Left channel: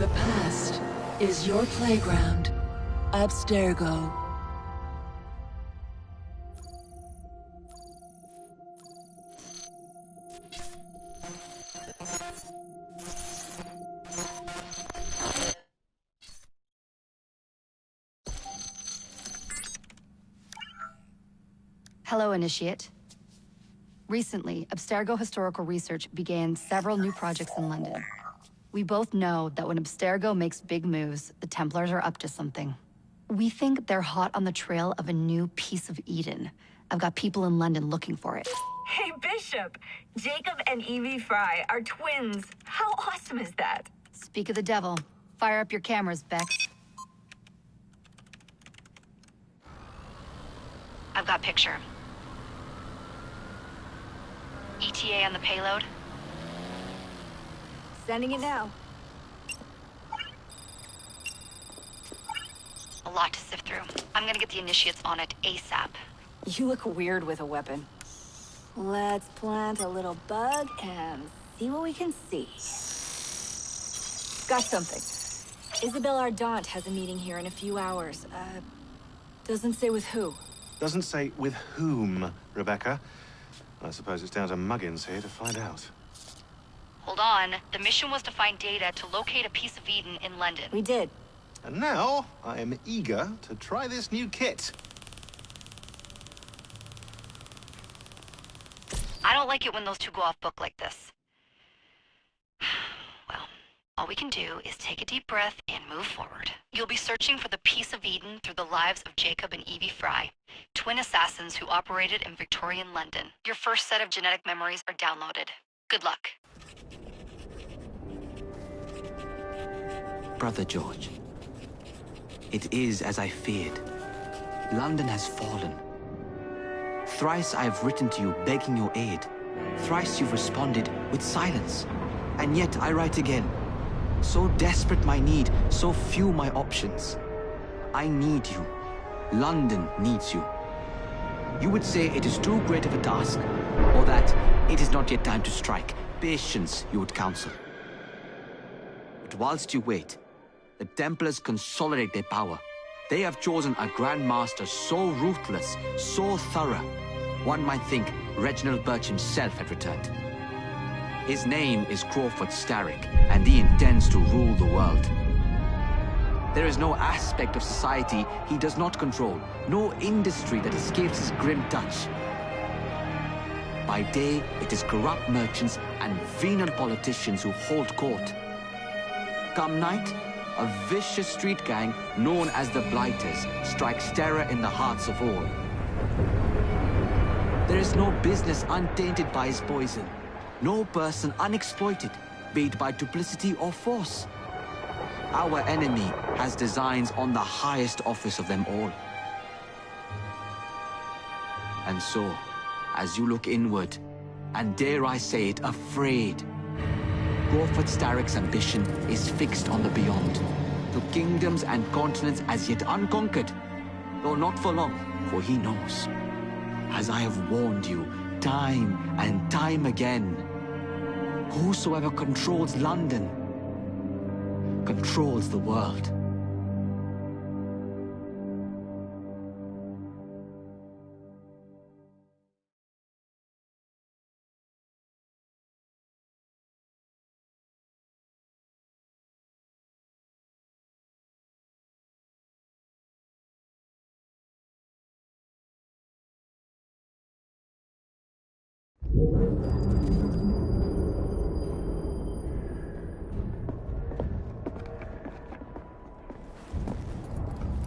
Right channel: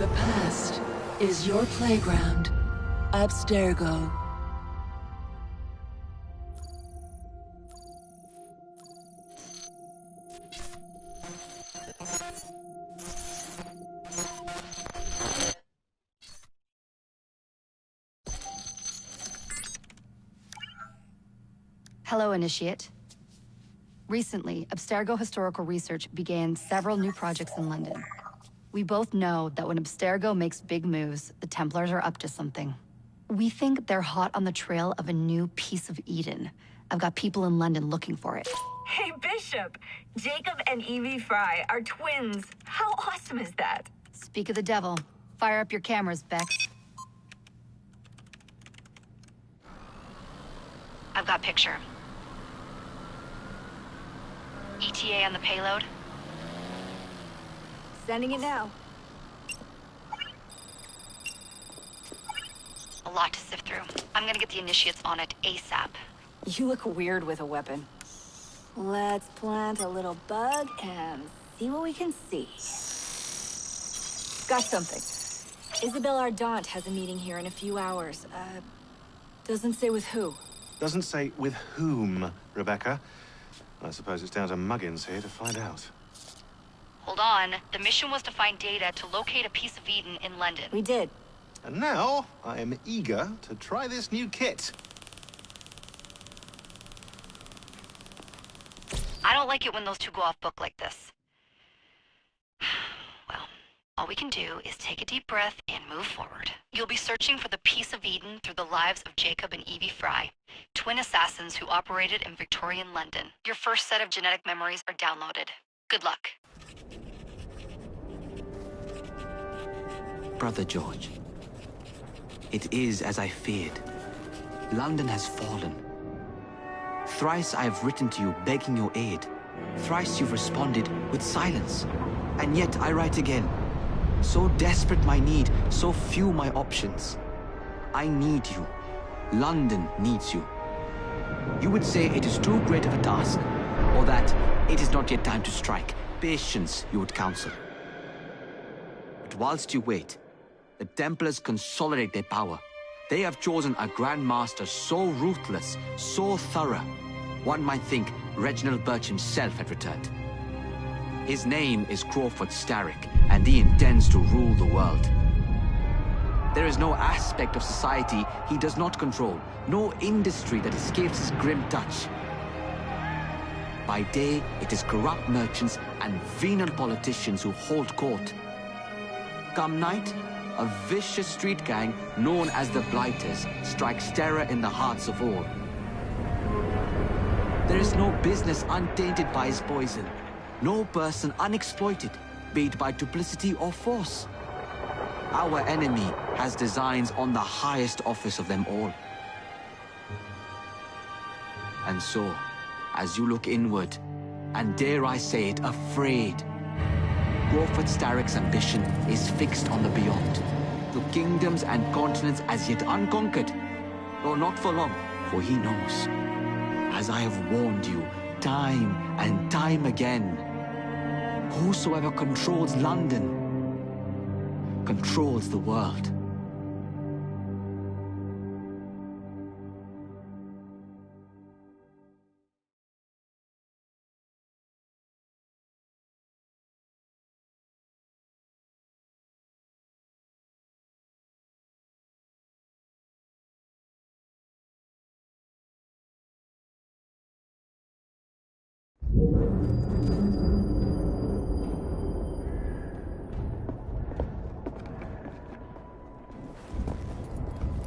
The past is your playground. Abstergo. Hello, Initiate. Recently, Abstergo Historical Research began several new projects in London. We both know that when Abstergo makes big moves, the Templars are up to something. We think they're hot on the trail of a new piece of Eden. I've got people in London looking for it. Hey, Bishop! Jacob and Evie Fry are twins. How awesome is that? Speak of the devil. Fire up your cameras, Bex. I've got picture. ETA on the payload? Sending it now. A lot to sift through. I'm gonna get the Initiates on it ASAP. You look weird with a weapon. Let's plant a little bug and see what we can see. Got something. Isabel Ardant has a meeting here in a few hours. Doesn't say with who. Doesn't say with whom, Rebecca. I suppose it's down to Muggins here to find out. Hold on. The mission was to find data to locate a piece of Eden in London. We did. And now, I am eager to try this new kit. I don't like it when those two go off book like this. Well, all we can do is take a deep breath and move forward. You'll be searching for the piece of Eden through the lives of Jacob and Evie Fry, twin assassins who operated in Victorian London. Your first set of genetic memories are downloaded. Good luck. Brother George, it is as I feared. London has fallen. Thrice I have written to you begging your aid. Thrice you've responded with silence. And yet I write again. So desperate my need, so few my options. I need you. London needs you. You would say it is too great of a task, or that it is not yet time to strike. Patience, you would counsel. But whilst you wait, the Templars consolidate their power. They have chosen a Grand Master so ruthless, so thorough, one might think Reginald Birch himself had returned. His name is Crawford Starrick, and he intends to rule the world. There is no aspect of society he does not control, no industry that escapes his grim touch. By day, it is corrupt merchants and venal politicians who hold court. Come night, a vicious street gang known as the Blighters strikes terror in the hearts of all. There is no business untainted by his poison, no person unexploited, be it by duplicity or force. Our enemy has designs on the highest office of them all. And so, as you look inward, and dare I say it, afraid, Crawford Starrick's ambition is fixed on the beyond, to kingdoms and continents as yet unconquered, though not for long, for he knows, as I have warned you time and time again, whosoever controls London controls the world.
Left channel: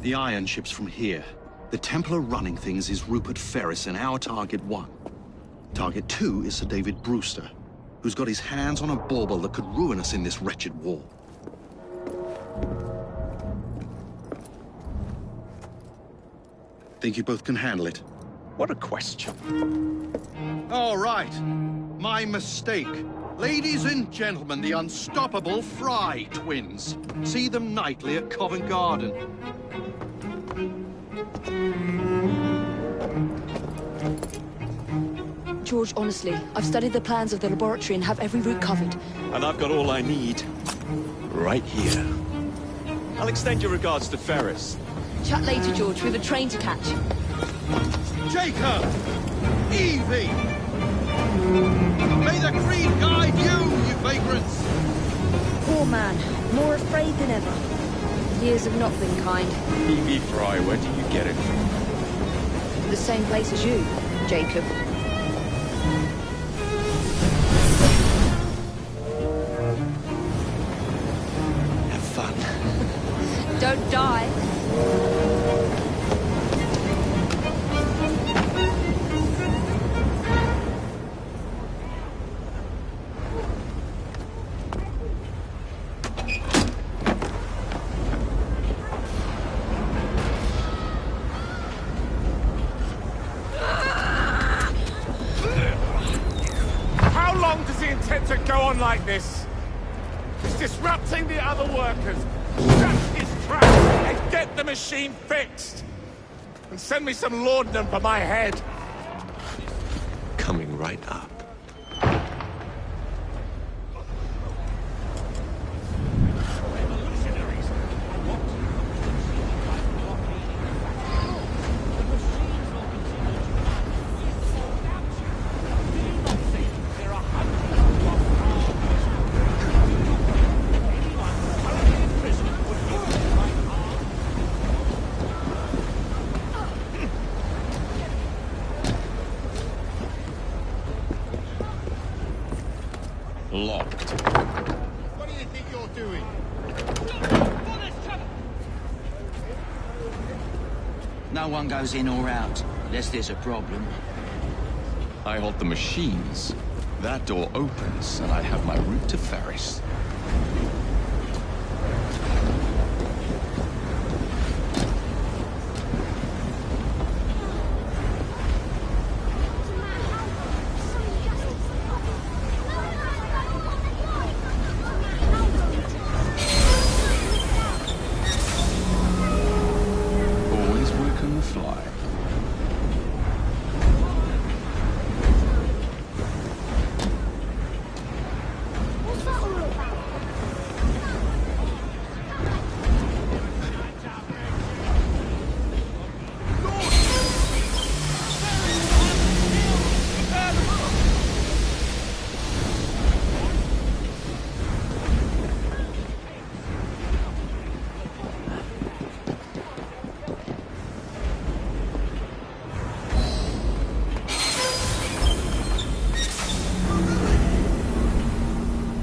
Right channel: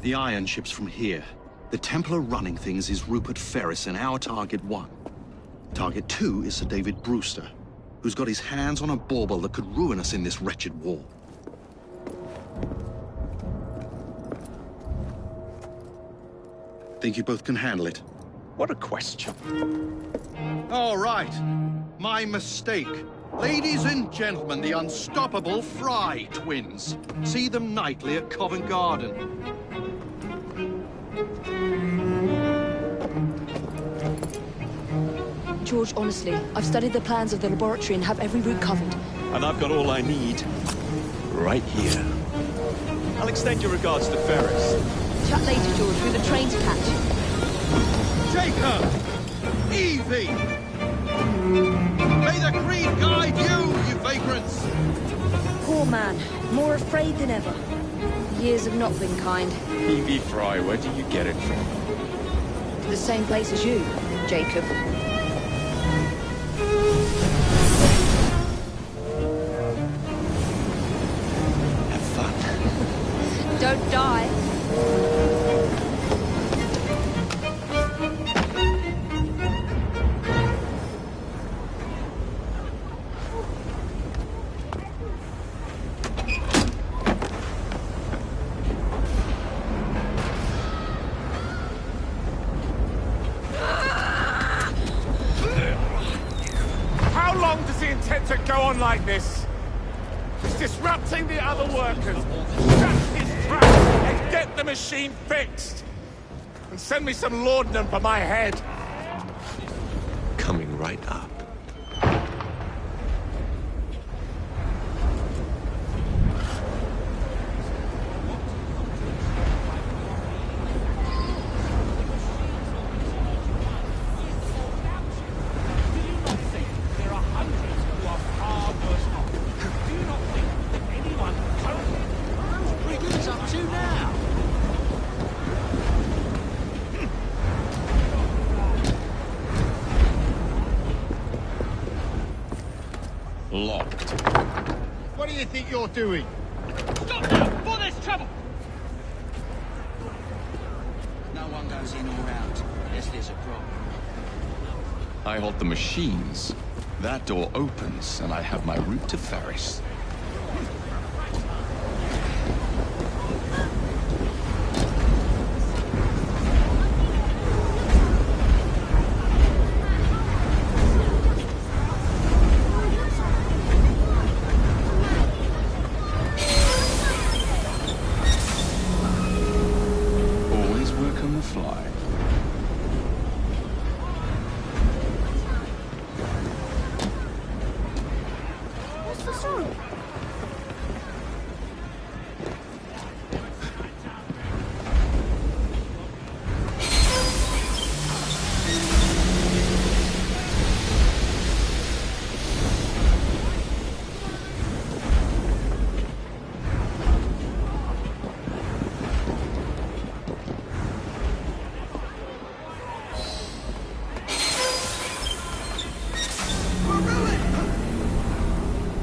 The iron ship's from here. The Templar running things is Rupert Ferris and our target 1. Target 2 is Sir David Brewster, who's got his hands on a bauble that could ruin us in this wretched war. Think you both can handle it? What a question. All right. My mistake. Ladies and gentlemen, the unstoppable Fry twins. See them nightly at Covent Garden. George, honestly, I've studied the plans of the laboratory and have every route covered. And I've got all I need. right here. I'll extend your regards to Ferris. Chat later, George. We've a train to catch. Jacob! Evie! May the creed guide you vagrants! Poor man. More afraid than ever. Years have not been kind. Evie Fry, where do you get it from? The same place as you, Jacob. Have fun. Don't die. How long does he intend to go on like this? He's disrupting the other workers. Shut his trap and get the machine fixed. And send me some laudanum for my head. Coming right up. Locked. What do you think you're doing? For this trouble! No one goes in or out, unless there's a problem. I hold the machines. That door opens, and I have my route to Ferris. Always work on the fly.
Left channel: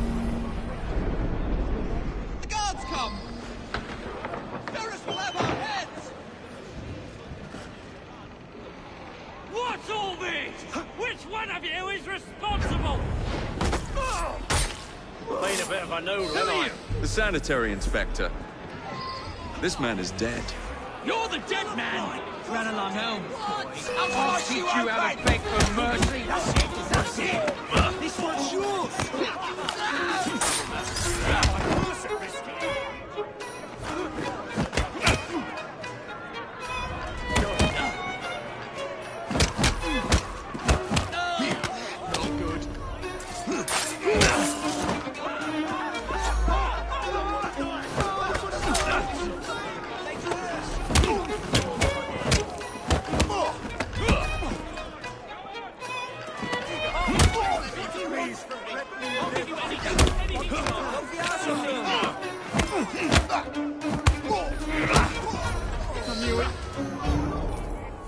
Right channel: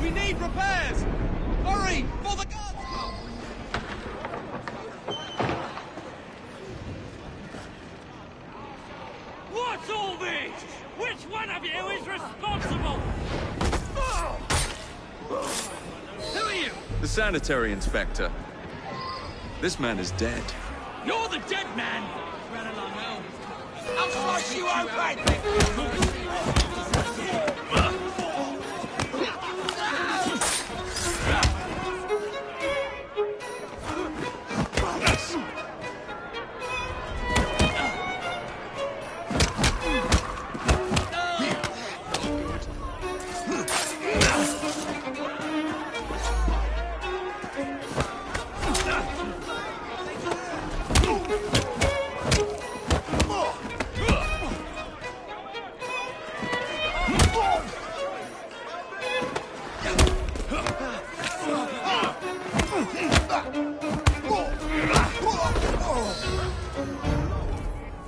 We need repairs! Hurry, before the guards come! Ferris will have our heads! What's all this? Which one of you is responsible? Made a bit of a no. Who are you? The sanitary inspector. This man is dead. You're the dead man! Run along home. I'll slice you open!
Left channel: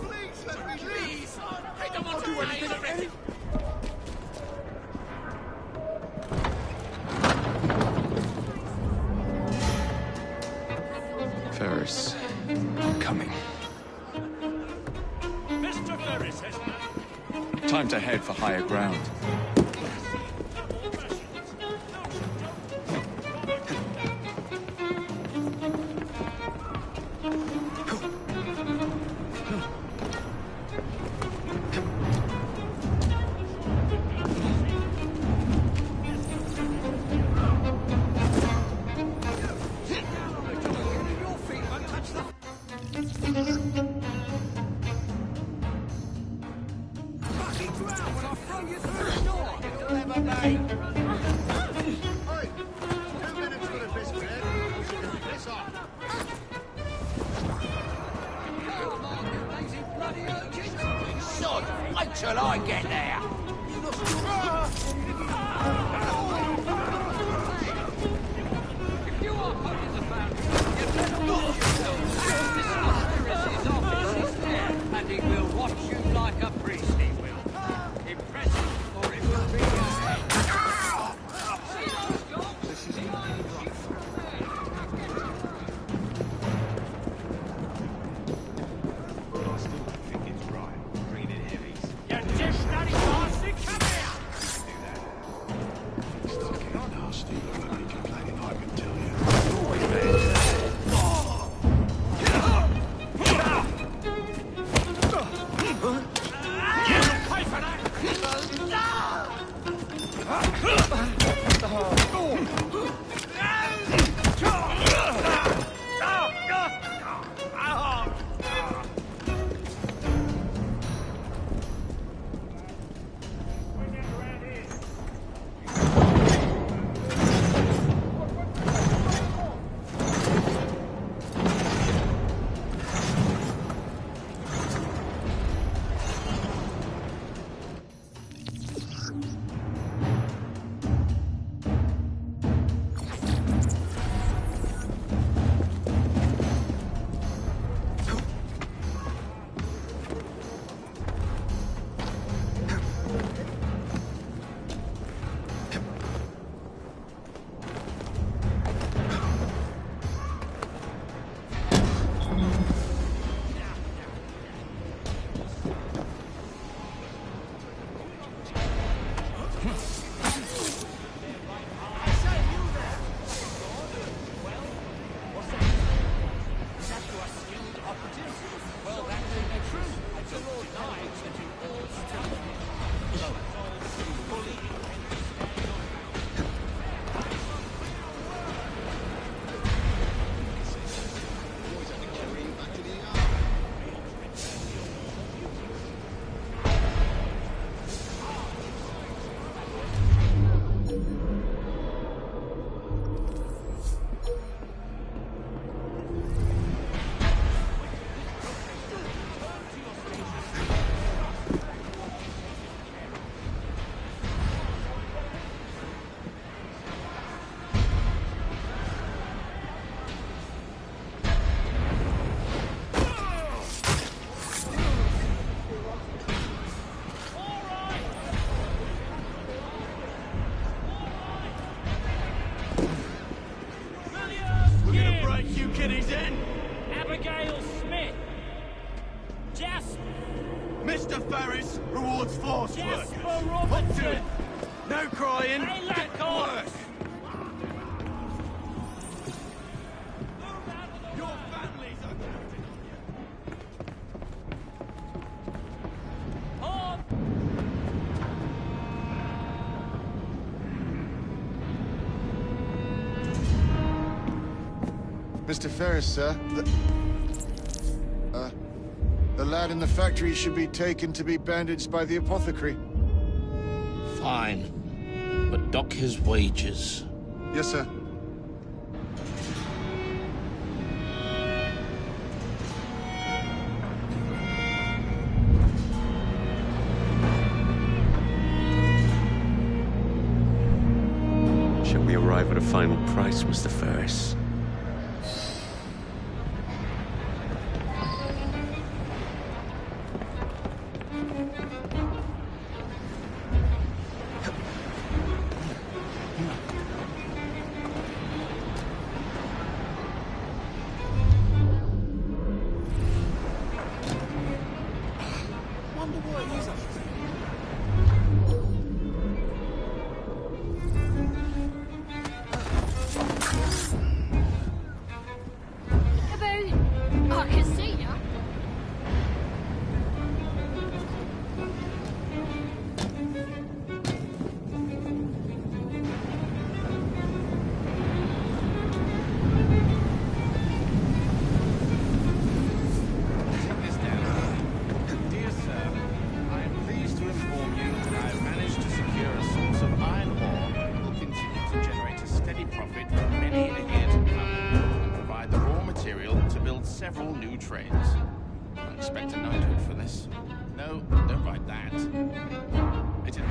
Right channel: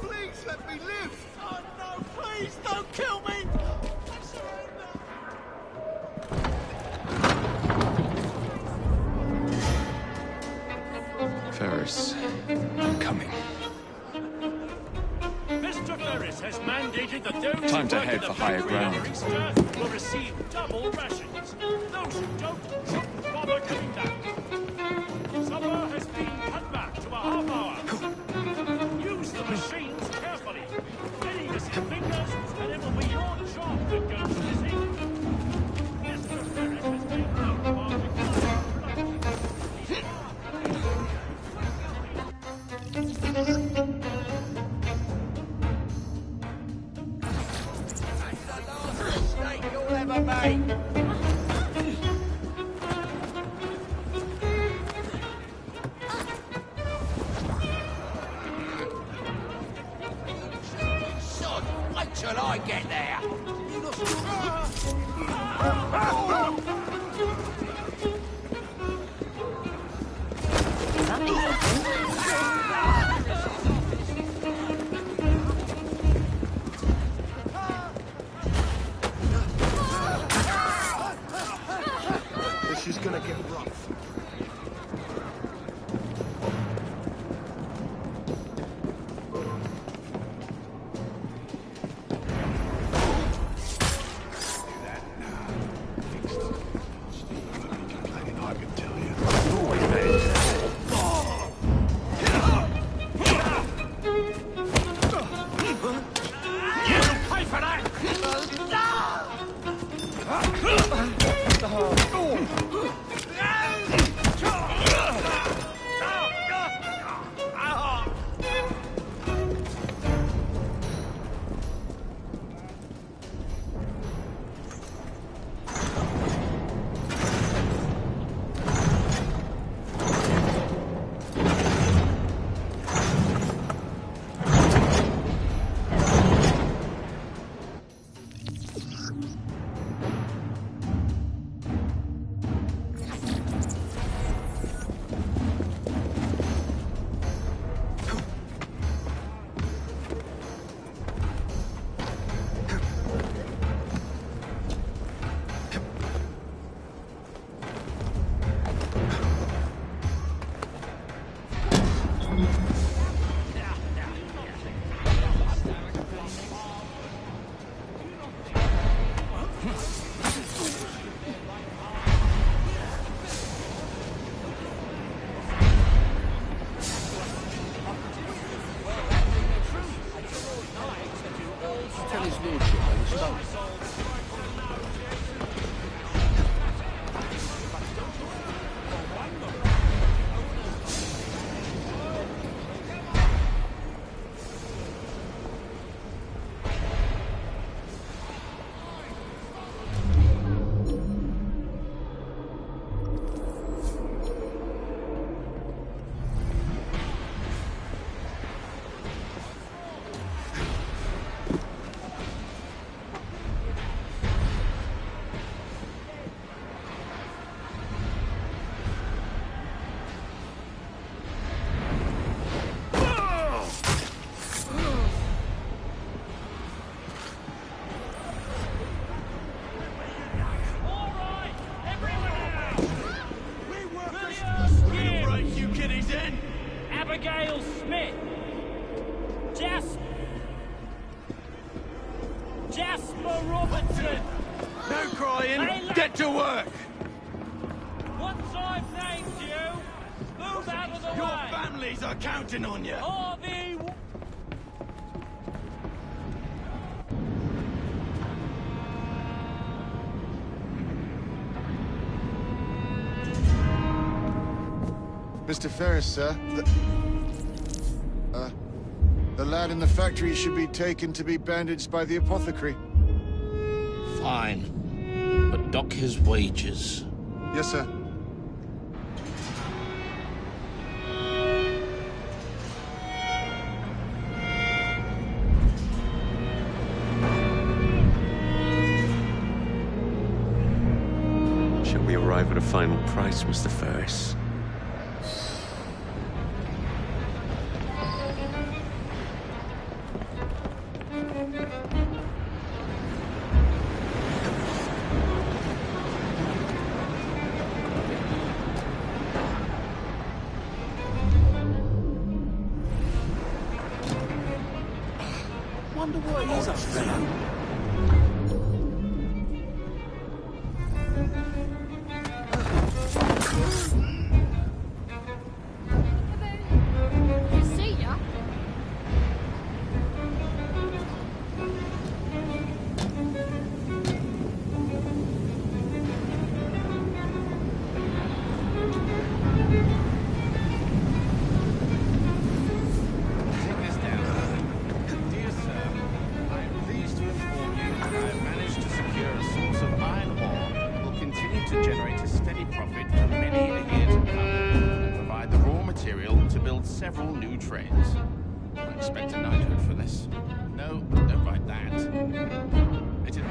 Please let me live! Please don't kill me! Ferris, I'm coming. Mr. Ferris has mandated that those Time to head for higher ground. will receive double rations. Those who don't, bother doing that. Supper has been cut back to a half hour. Use the machine carefully. Many assembly persons will never be your job that goes missing. Mr. Ferris has been known. You'll ever make! till I get there. This is gonna get rough. Mr. Ferris rewards force Jasper workers. Robertson! No crying, Hey, get to work! Once I'm saying to you, move out of the Your way! families are counting on you! Harvey! Mr. Ferris, sir, the lad in the factory should be taken to be bandaged by the apothecary. Fine. But dock his wages. Yes, sir. Shall we arrive at a final price, Mr. Ferris? Wonder what he's up I can see ya. Material to build several new trains. I expect a knighthood for this. No, don't write that. It is...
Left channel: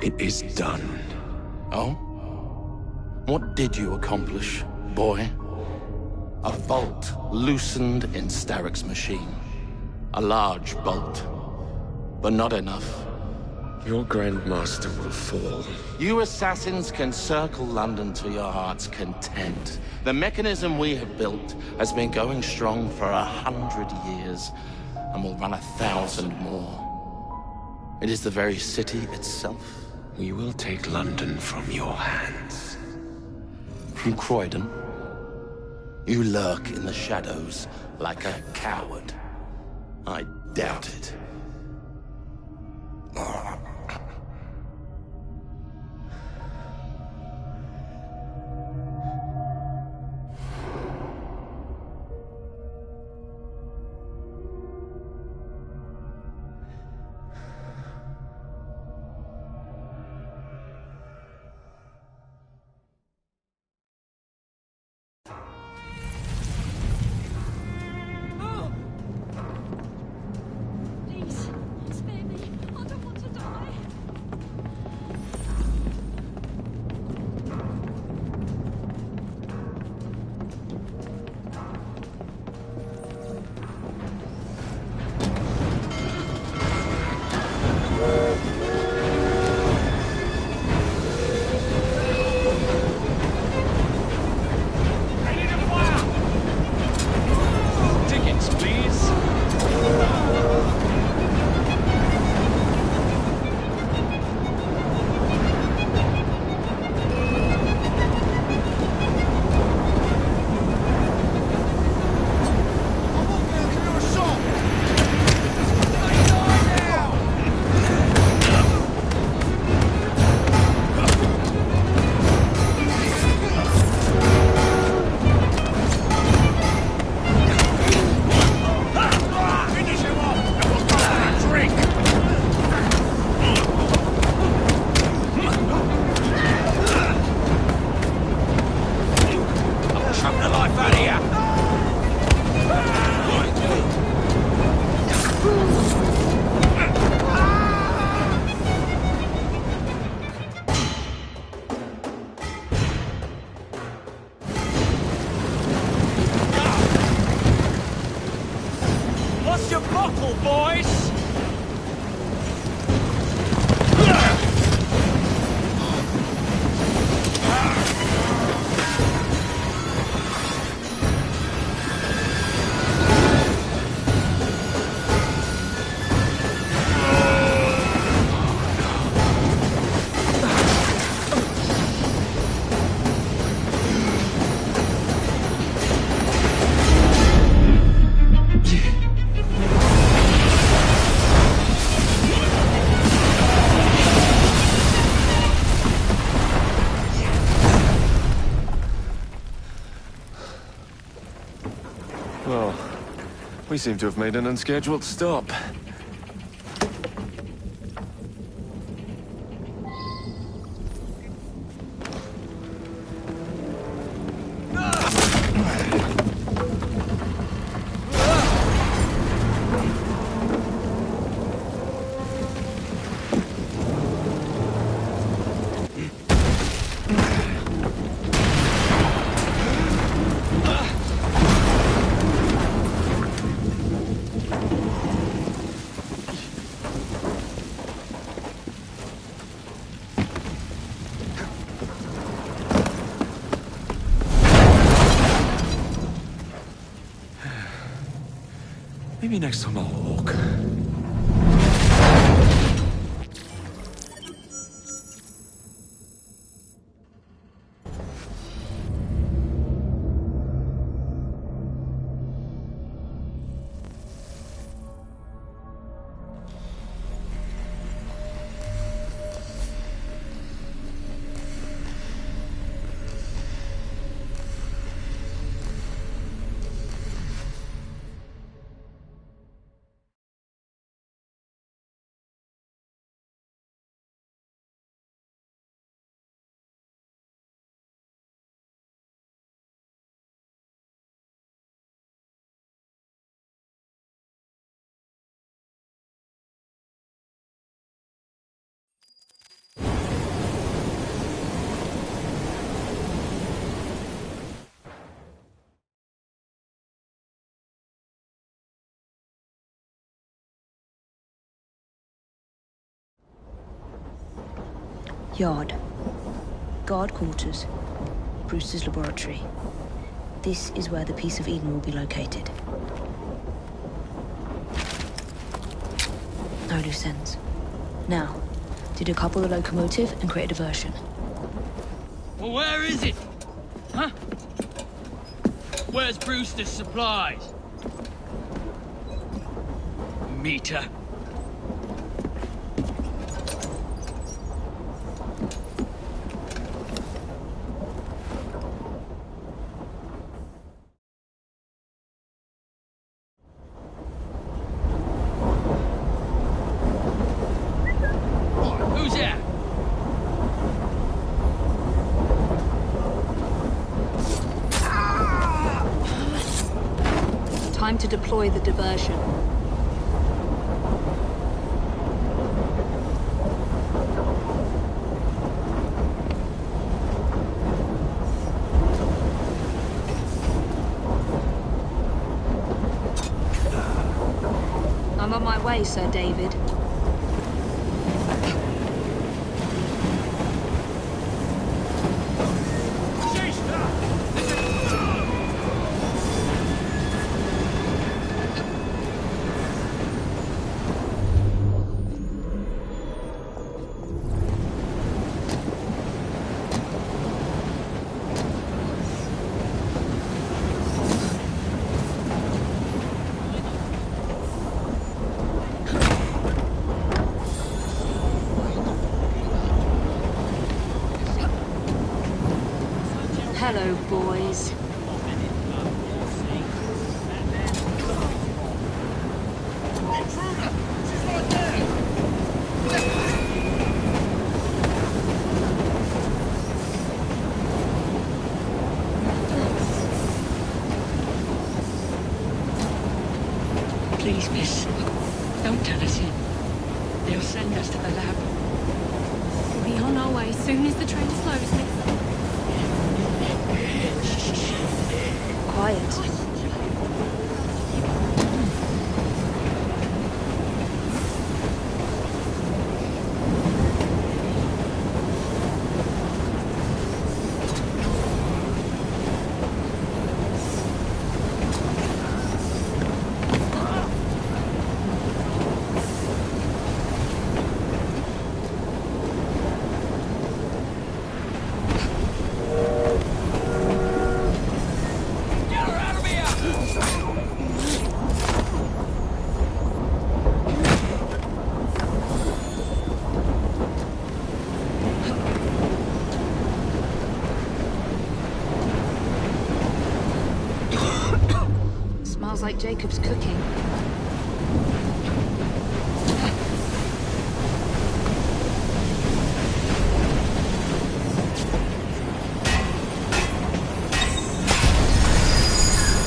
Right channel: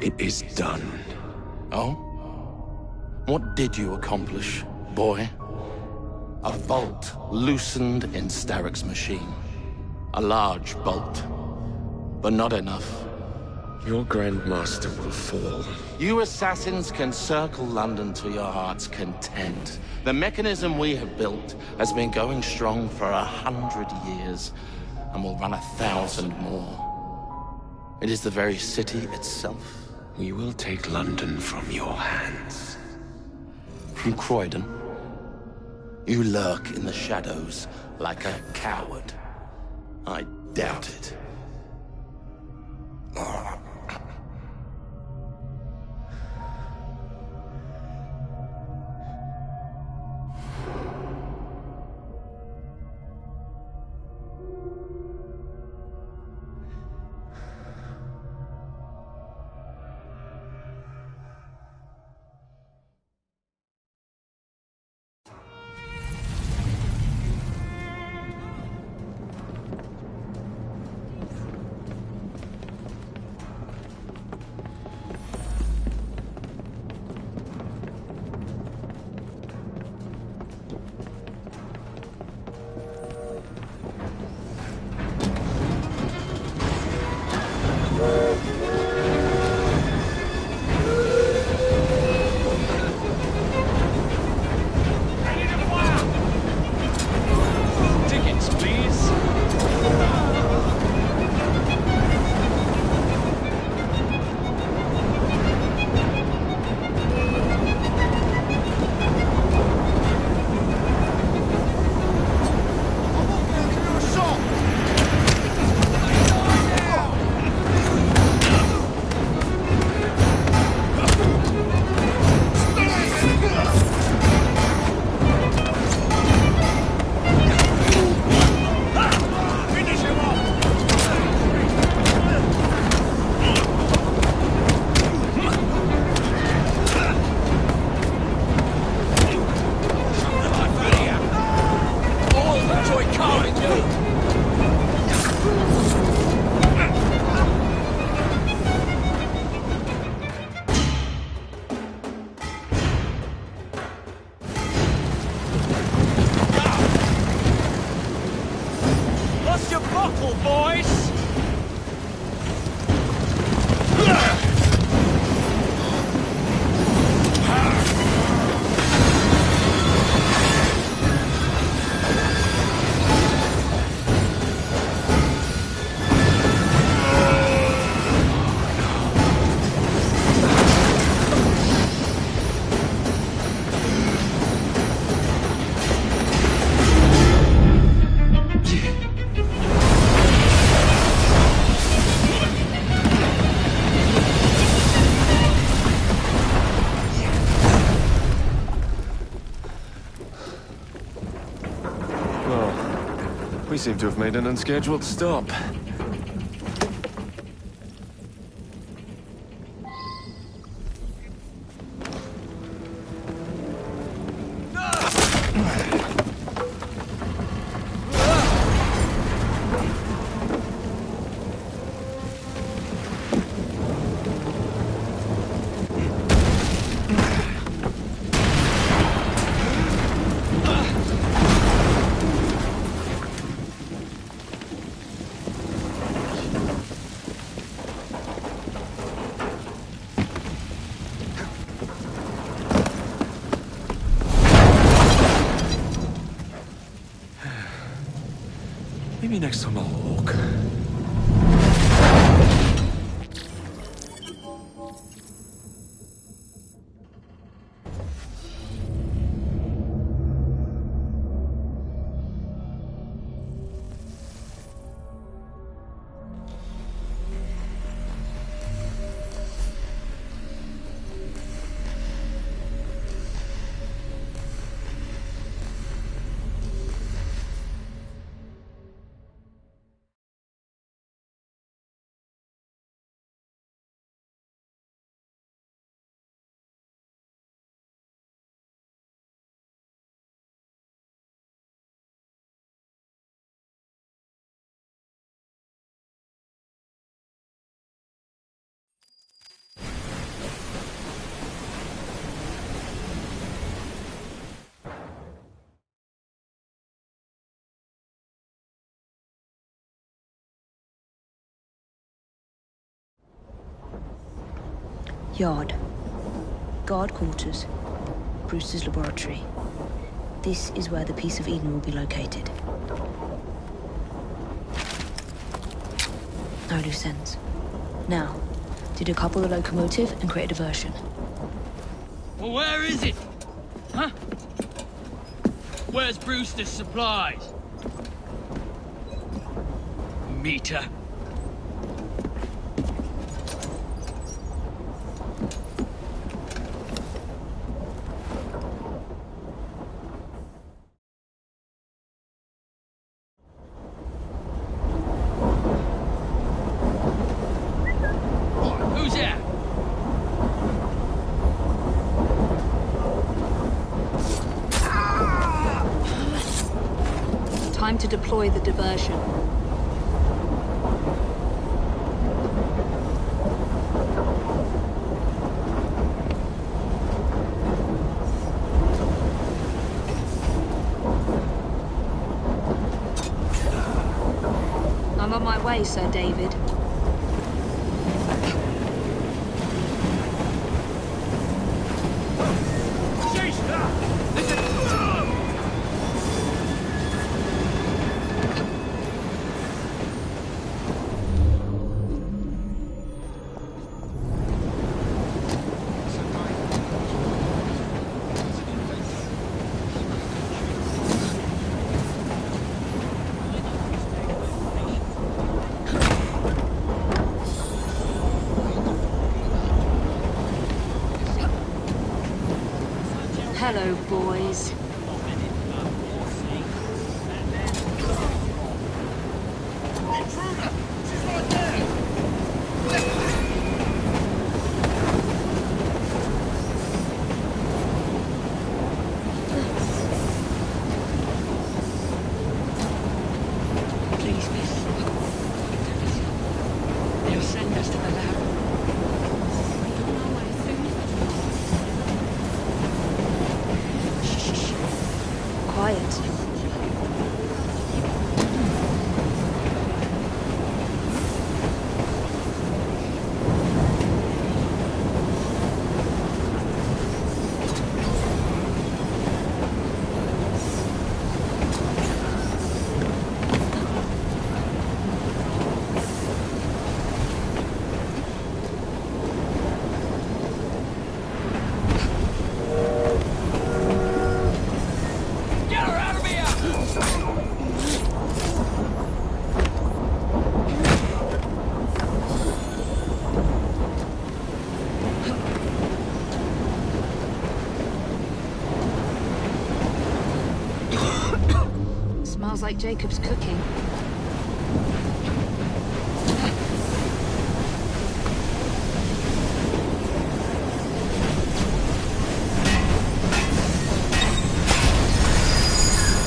It is done. Oh? What did you accomplish, boy? A bolt loosened in Starrick's machine. A large bolt, but not enough. Your Grandmaster will fall. You assassins can circle London to your heart's content. The mechanism we have built has been going strong for 100 years, and will run 1,000 more. It is the very city itself. We will take London from your hands. From Croydon? You lurk in the shadows like a coward. I doubt it. Tickets, please. What's your bottle, boys? Well, we seem to have made an unscheduled stop. Maybe next time I'll walk. Yard. Guard quarters. Brewster's laboratory. This is where the piece of Eden will be located. No loose ends. Now, to decouple the locomotive and create a diversion. Well, where is it? Huh? Where's Brewster's supplies? Meter. Who's that? Time to deploy the diversion. I'm on my way, Sir David. Hello, boys. Please, miss. Don't tell us yet. They'll send us to the lab. We'll be on our way as soon as the train's closed. Quiet. Smells like Jacob's cooking.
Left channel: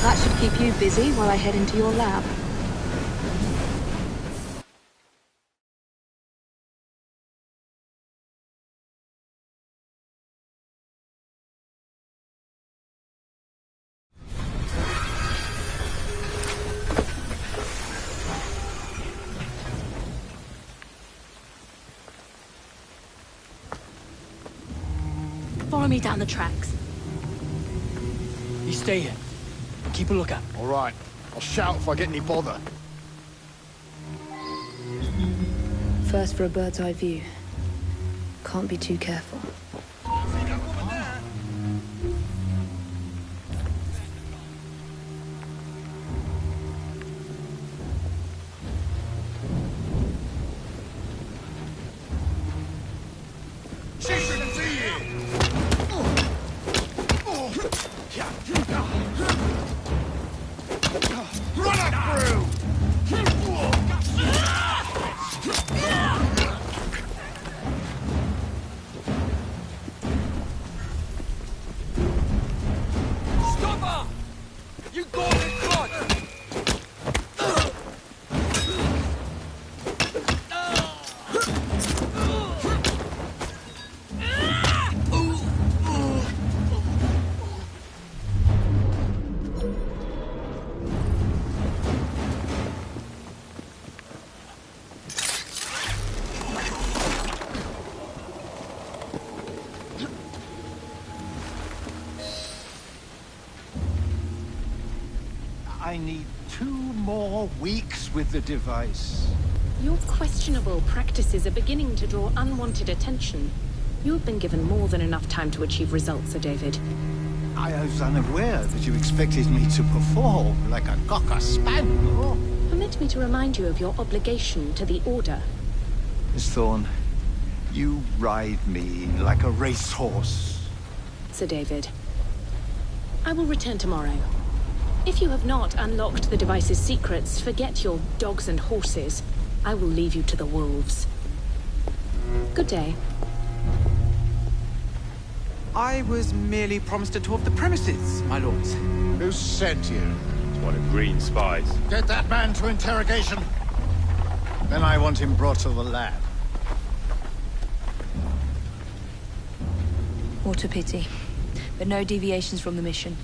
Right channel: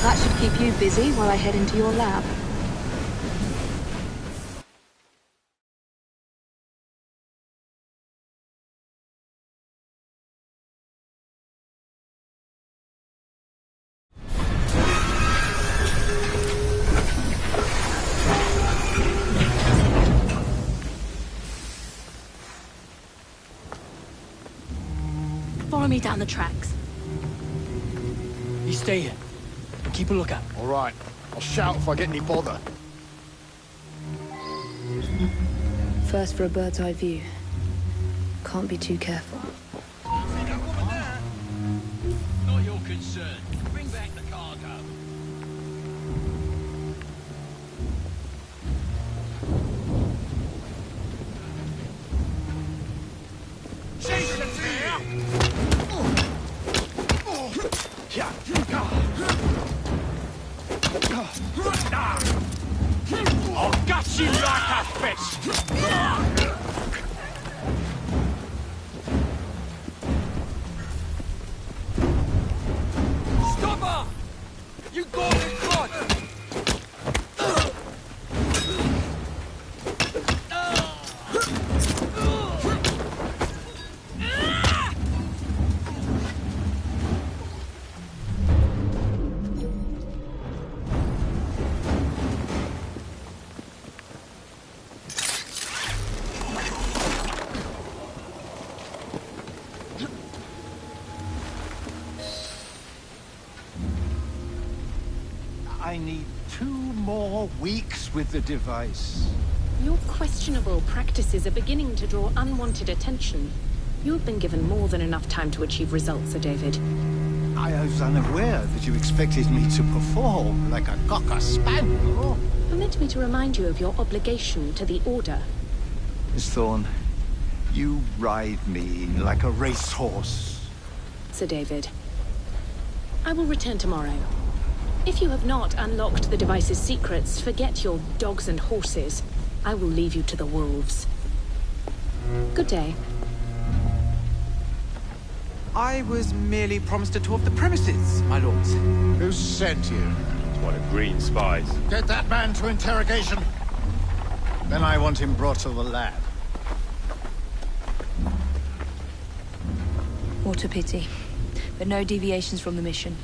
That should keep you busy while I head into your lab. Follow me down the tracks. You stay here. Keep a lookout. All right. I'll shout if I get any bother. First for a bird's eye view. Can't be too careful. I need 2 more weeks with the device. Your questionable practices are beginning to draw unwanted attention. You have been given more than enough time to achieve results, Sir David. I was unaware that you expected me to perform like a cocker spaniel. Permit me to remind you of your obligation to the Order. Miss Thorne, you ride me like a racehorse. Sir David, I will return tomorrow. If you have not unlocked the device's secrets, forget your dogs and horses. I will leave you to the wolves. Good day. I was merely promised a tour of the premises, my lords. Who sent you? It's one of Green's spies. Get that man to interrogation. Then I want him brought to the lab. What a pity. But no deviations from the mission.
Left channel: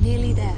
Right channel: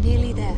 Nearly there.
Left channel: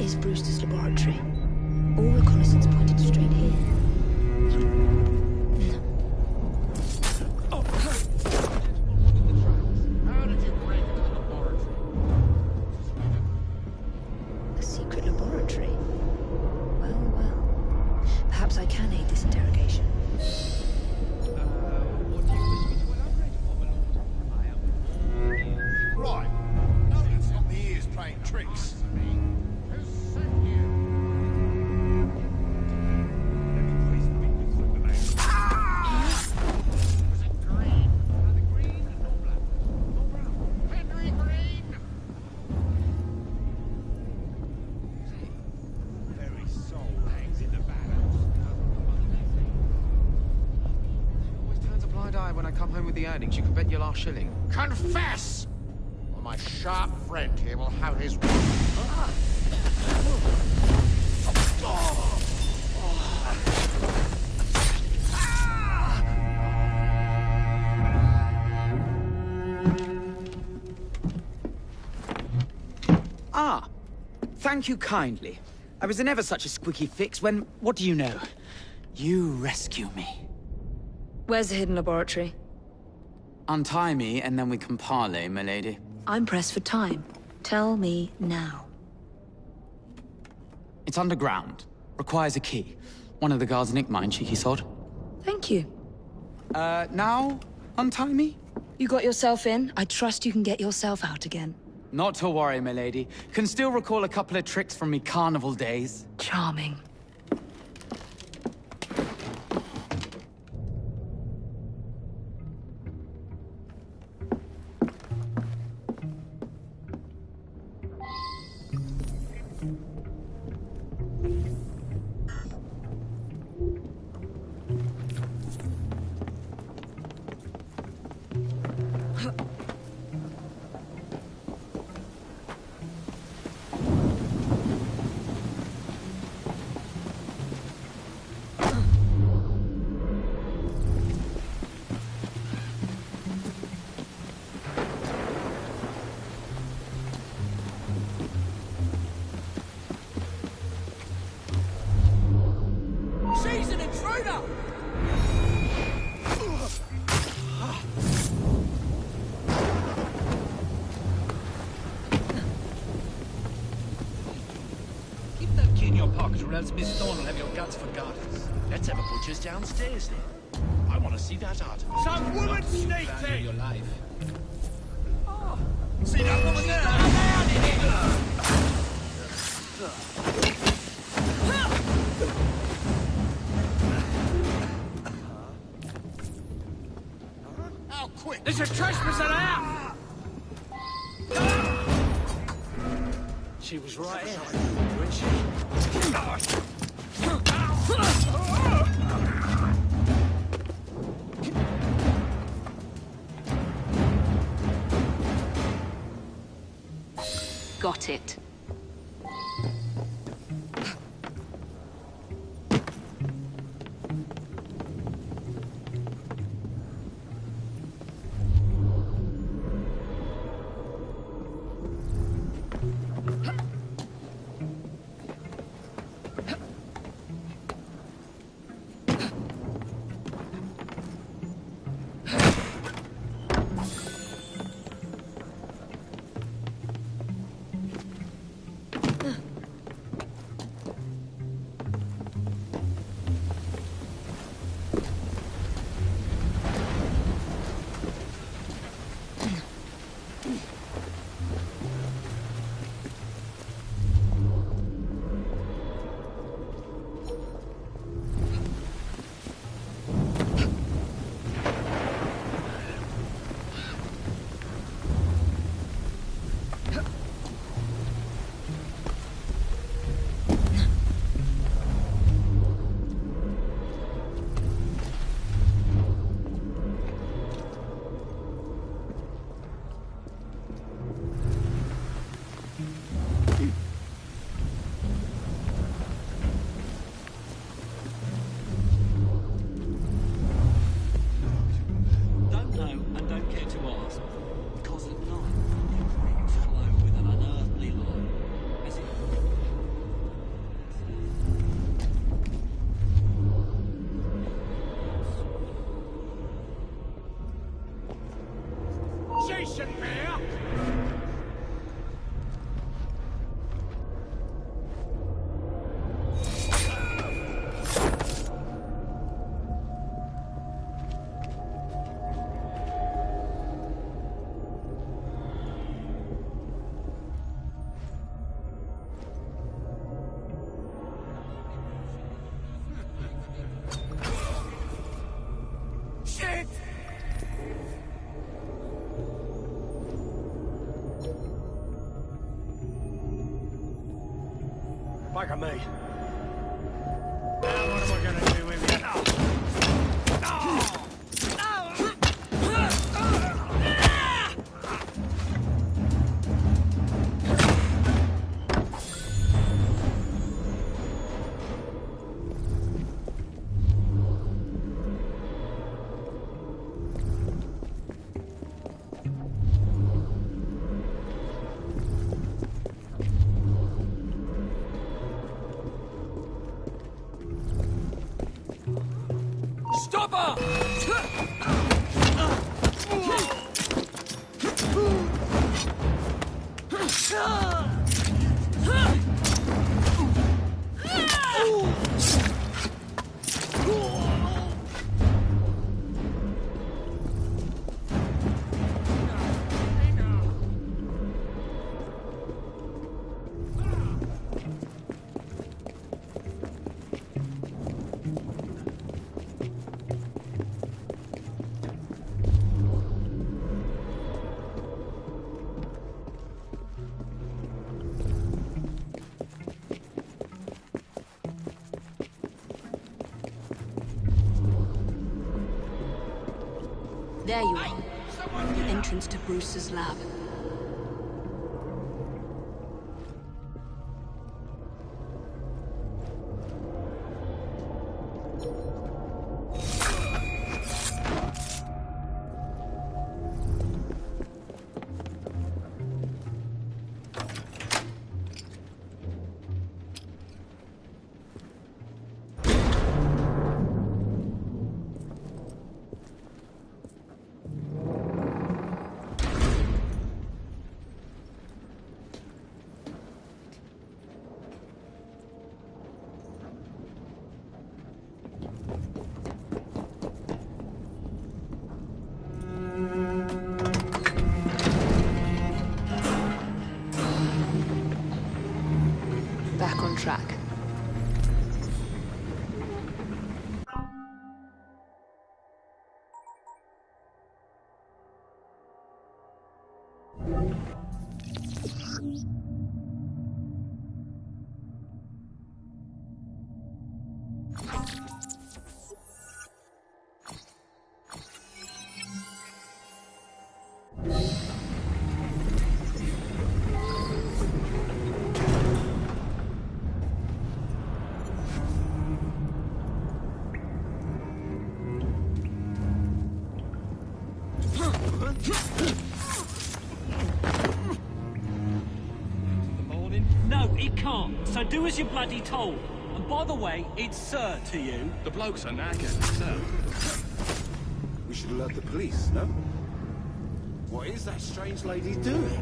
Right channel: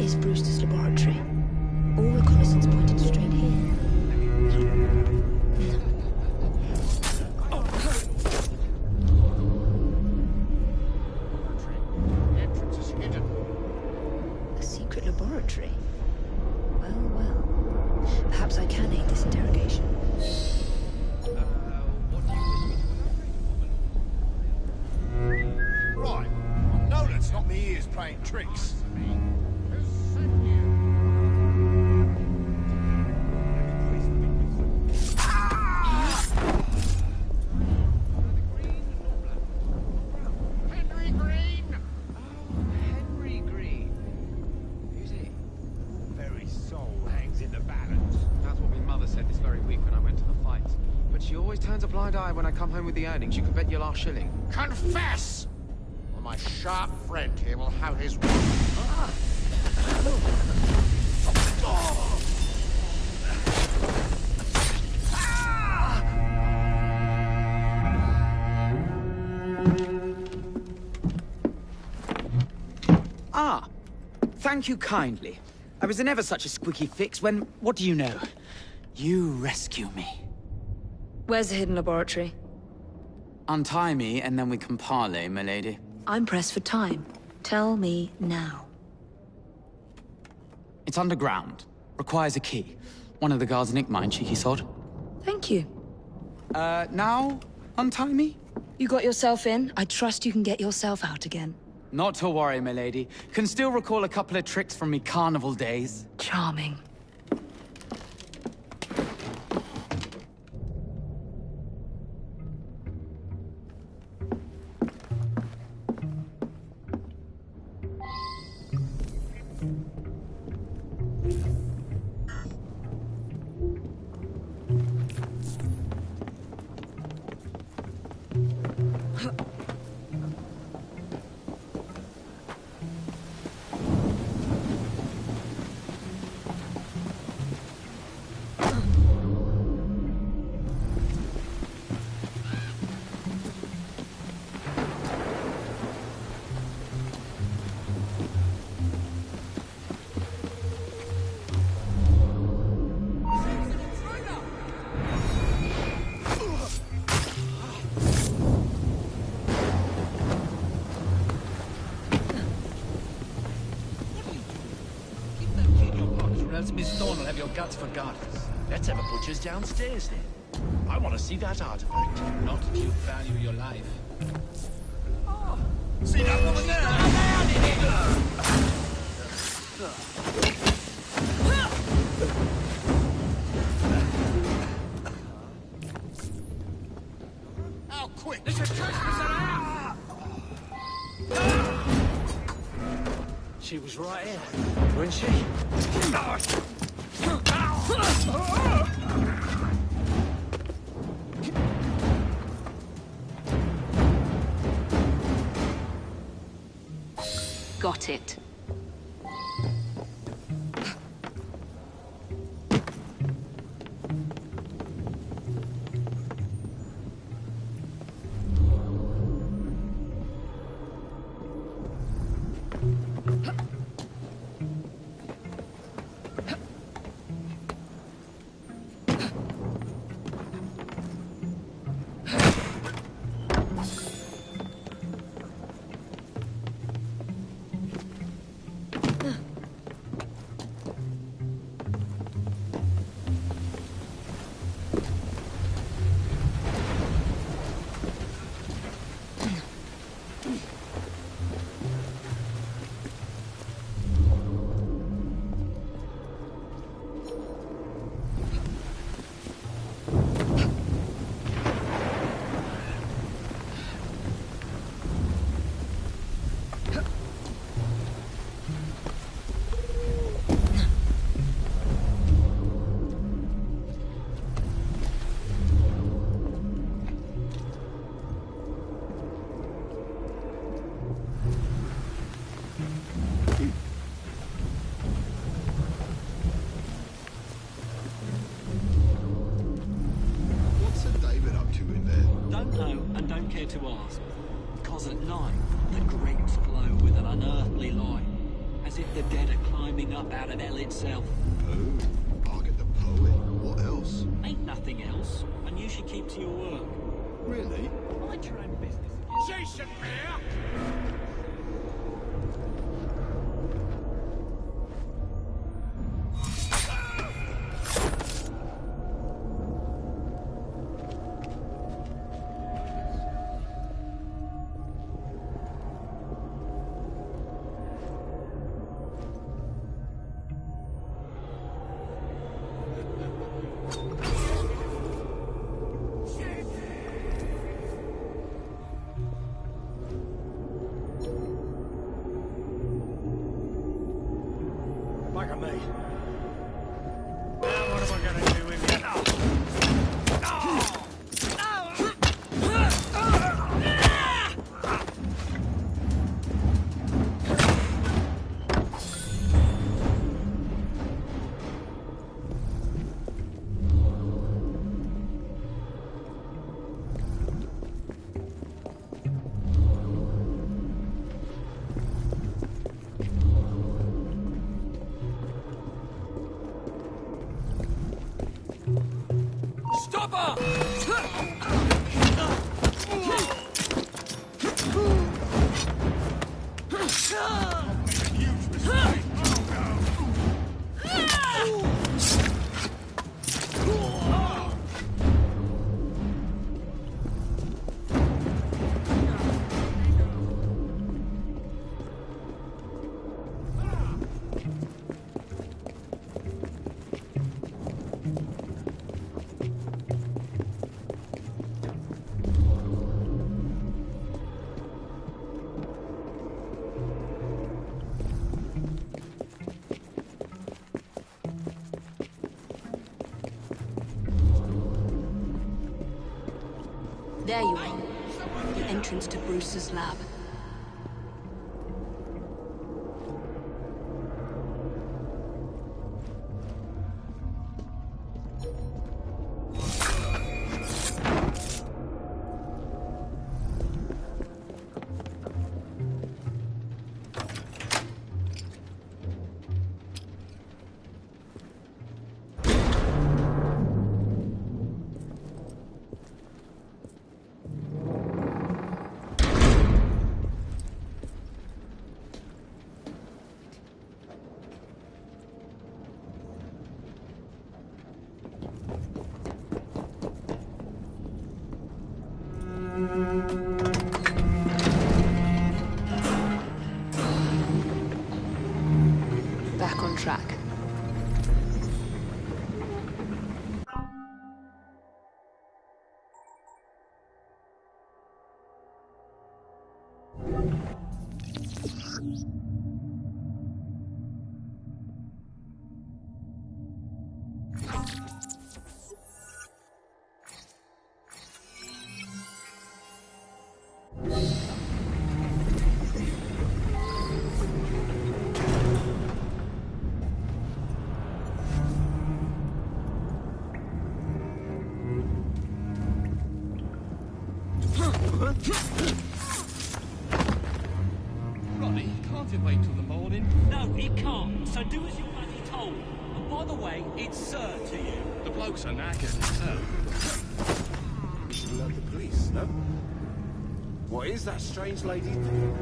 Is Brewster's laboratory. All reconnaissance pointed straight here. A secret laboratory? Well, well. Perhaps I can aid this interrogation. Right. No, let's not the ears playing tricks. When I come home with the earnings, you can bet your last shilling. Confess! My sharp friend here will have his... Ah, thank you kindly. I was in ever such a squeaky fix when, what do you know? You rescue me. Where's the hidden laboratory? Untie me, and then we can parley, milady. I'm pressed for time. Tell me now. It's underground. Requires a key. One of the guards nicked mine, cheeky sod. Thank you. Now? Untie me? You got yourself in. I trust you can get yourself out again. Not to worry, milady. Can still recall a couple of tricks from me carnival days. Charming. Or else Miss Thorne will have your guts for garters. Let's have a butcher's downstairs then. I want to see that artifact. Not if you value your life. Oh, see that woman there? How quick? There's a trespasser out! She was right here, wasn't she? Got it. To ask, because at night the crypts glow with an unearthly light, as if the dead are climbing up out of hell itself. What else? Ain't nothing else, and you should keep to your work. Really? Mind your own business. Jason Mayer! Back at me. Now what am I gonna do with you? Cover! There you are. The entrance to Bruce's lab. Back on track. No, he can't. So do as you're bloody told. And by the way, it's sir to you. The blokes are knackered, sir. We should alert the police, no? What is that strange lady doing?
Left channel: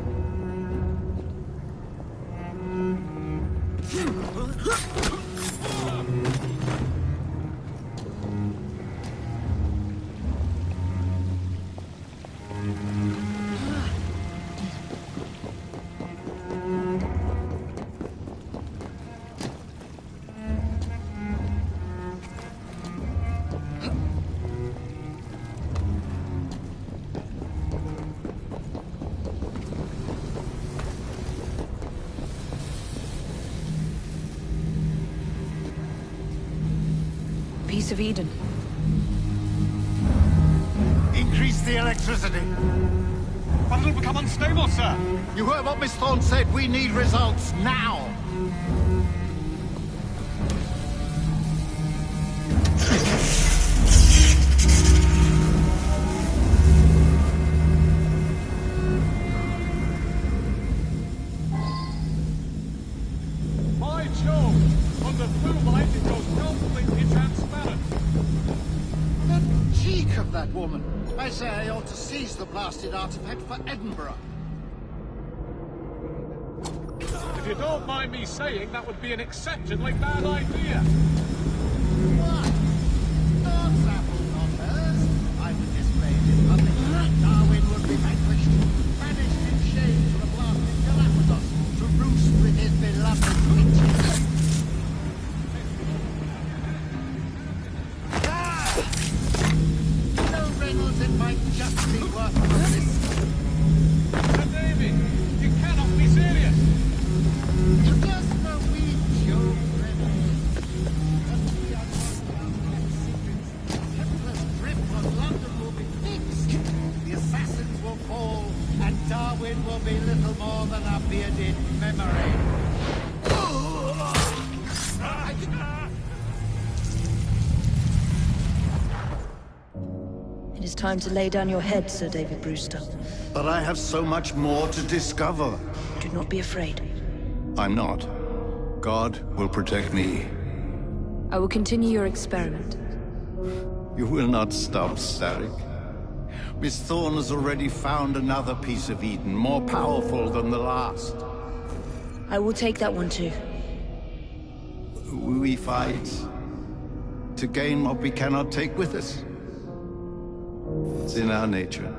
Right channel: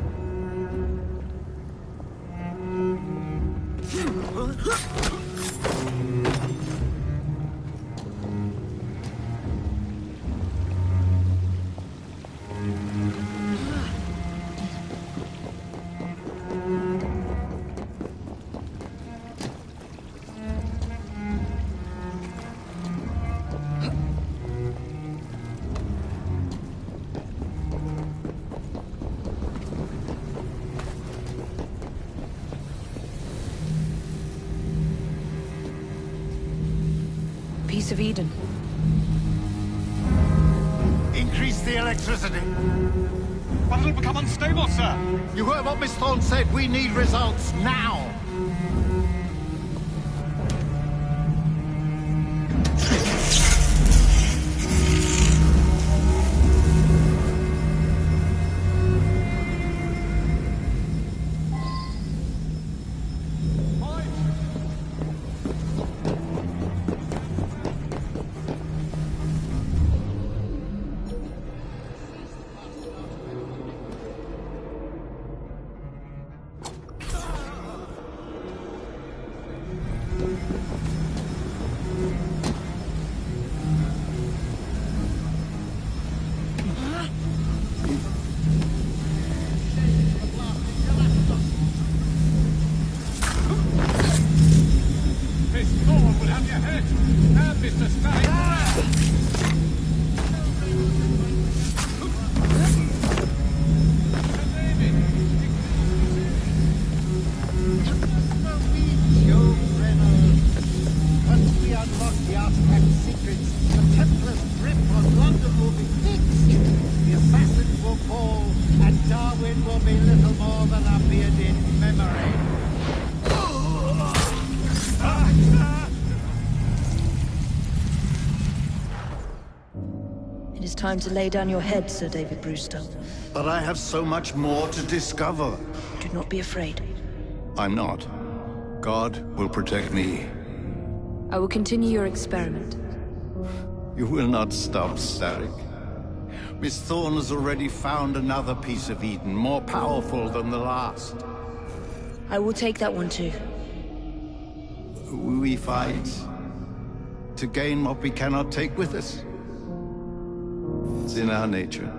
Piece of Eden. Increase the electricity. But it'll become unstable, sir. You heard what Miss Thorne said. We need results now. By Jove! On the thermite, it goes completely transparent. The cheek of that woman! I say I ought to seize the blasted artifact for Edinburgh. If you don't mind me saying, that would be an exceptionally bad idea. Miss Thorne will have your head. And Mr. Spade. No Reynolds in my justly worth. Sir David, you cannot be serious. Just a wee joke, Reynolds. Once we unlock the artifact's secrets, the Templars' grip on London will be fixed. The assassins will fall, and Darwin will be little more than a bearded memory. It is time to lay down your head, Sir David Brewster. But I have so much more to discover. Do not be afraid. I'm not. God will protect me. I will continue your experiment. You will not stop, Starrick. Miss Thorne has already found another piece of Eden, more powerful than the last. I will take that one too. We fight to gain what we cannot take with us. It's in our nature.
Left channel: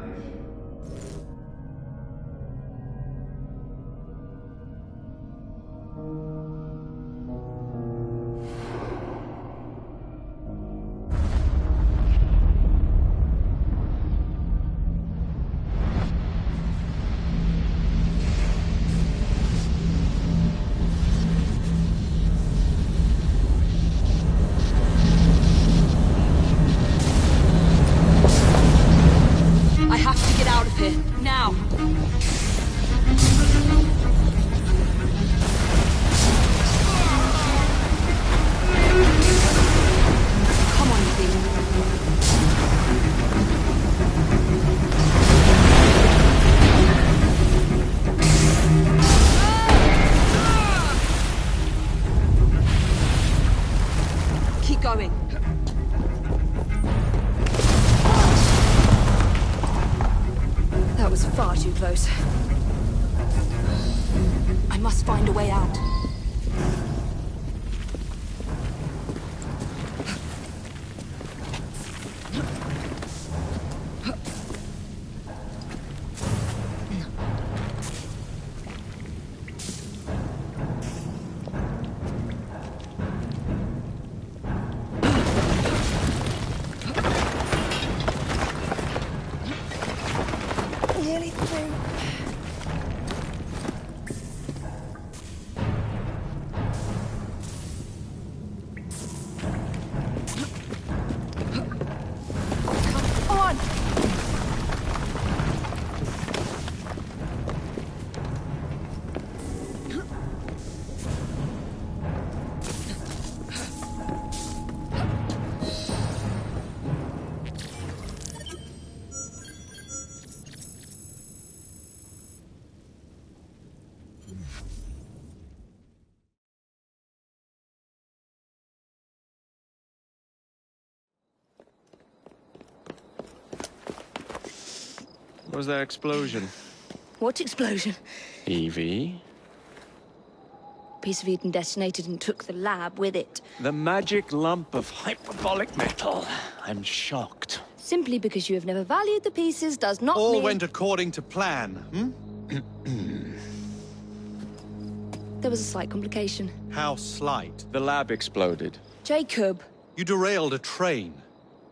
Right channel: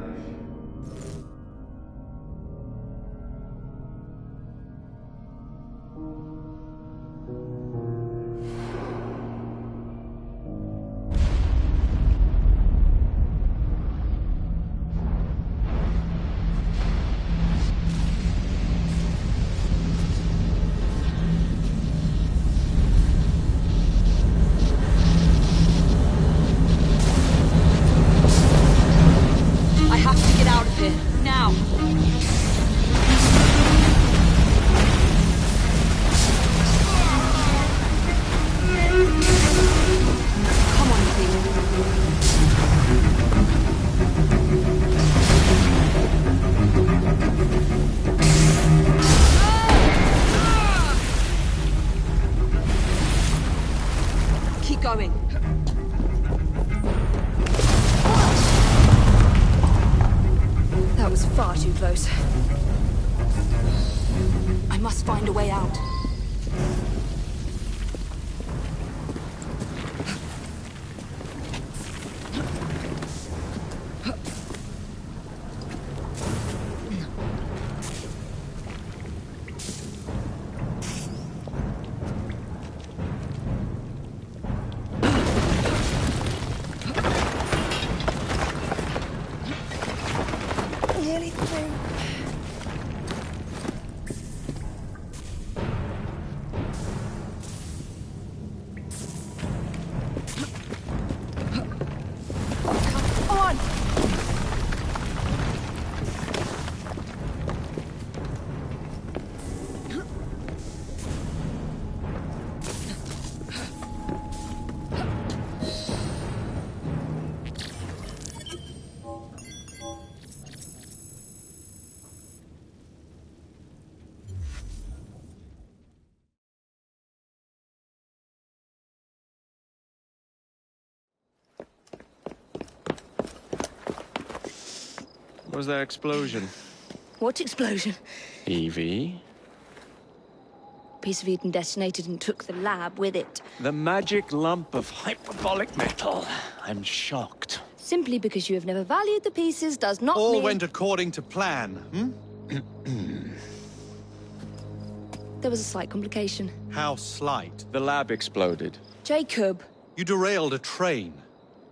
I have to get out of here, now! Come on, Ethan. Keep going. That was far too close. I must find a way out. Nearly through. Come on! What was that explosion? What explosion? Evie? Piece of Eden detonated and took the lab with it. The magic lump of hyperbolic metal. I'm shocked. Simply because you have never valued the pieces does not All mean... went according to plan, hmm? There was a slight complication. How slight? The lab exploded. Jacob. You derailed a train.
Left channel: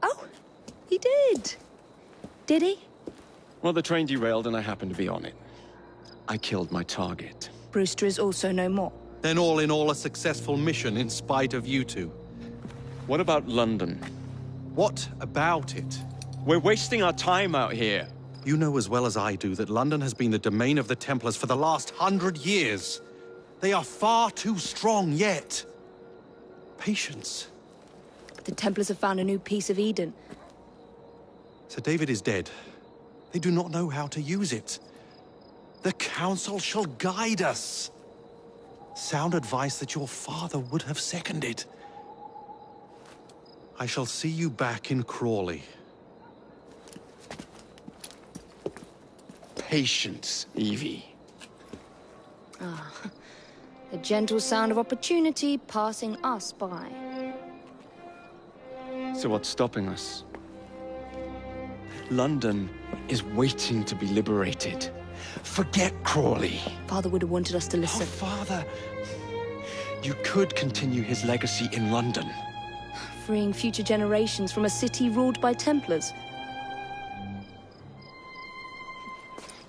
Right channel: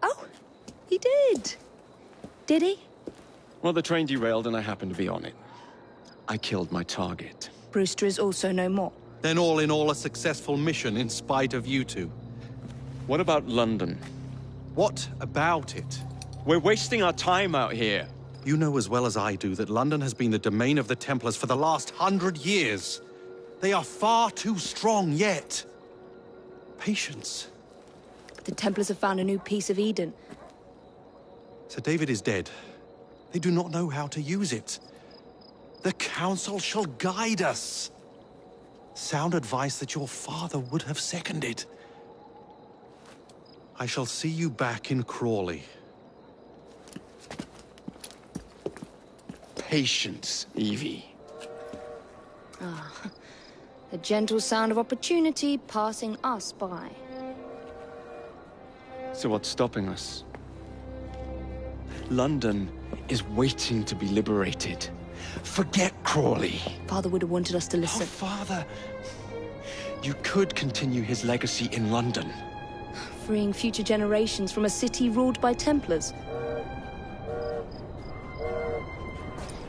Oh, he did. Did he? Well, the train derailed and I happened to be on it. I killed my target. Brewster is also no more. Then all in all, a successful mission in spite of you two. What about London? What about it? We're wasting our time out here. You know as well as I do that London has been the domain of the Templars for the last 100 years. They are far too strong yet. Patience. The Templars have found a new piece of Eden. Sir David is dead. They do not know how to use it. The Council shall guide us. Sound advice that your father would have seconded. I shall see you back in Crawley. Patience, Evie. Ah, the gentle sound of opportunity passing us by. So what's stopping us? London is waiting to be liberated. Forget Crawley. Father would have wanted us to listen. Oh, Father! You could continue his legacy in London. Freeing future generations from a city ruled by Templars.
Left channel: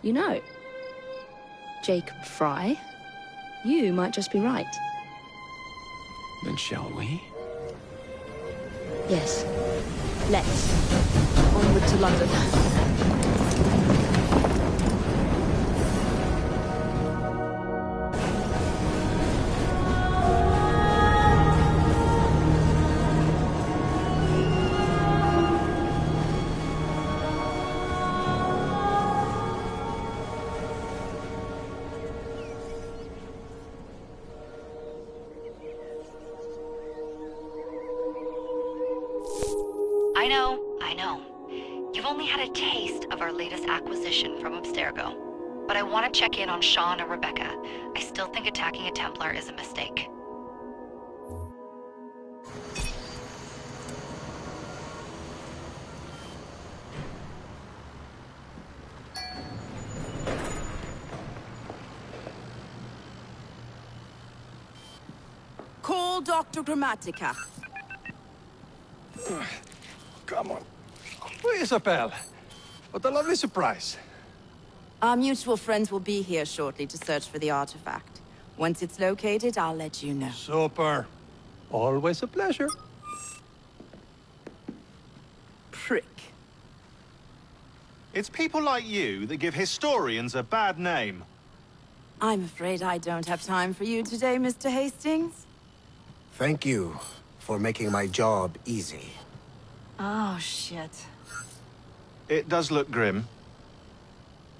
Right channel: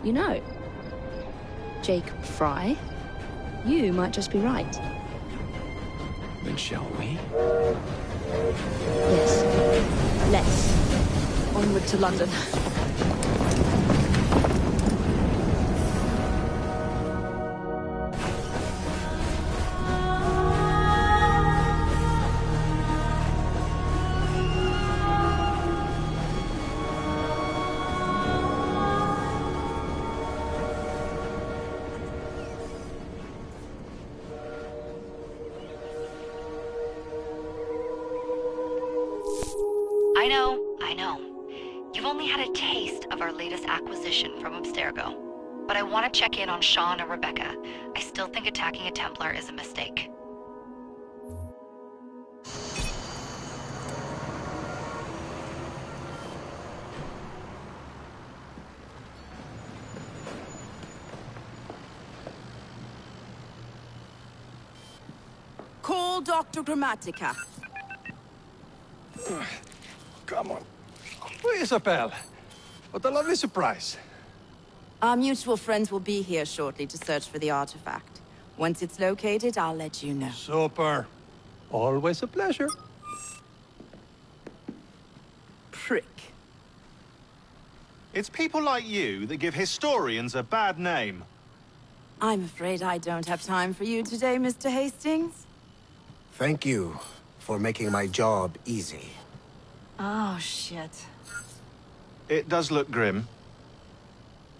You know, Jacob Fry, you might just be right. Then shall we? Yes. Let's. Onward to London. I know. You've only had a taste of our latest acquisition from Abstergo. But I want to check in on Sean and Rebecca. I still think attacking a Templar is a mistake. Call Dr. Grammatica. Come on. Isabel. What a lovely surprise. Our mutual friends will be here shortly to search for the artifact. Once it's located, I'll let you know. Super. Always a pleasure. Prick. It's people like you that give historians a bad name. I'm afraid I don't have time for you today, Mr. Hastings. Thank you for making my job easy. Oh, shit. It does look grim.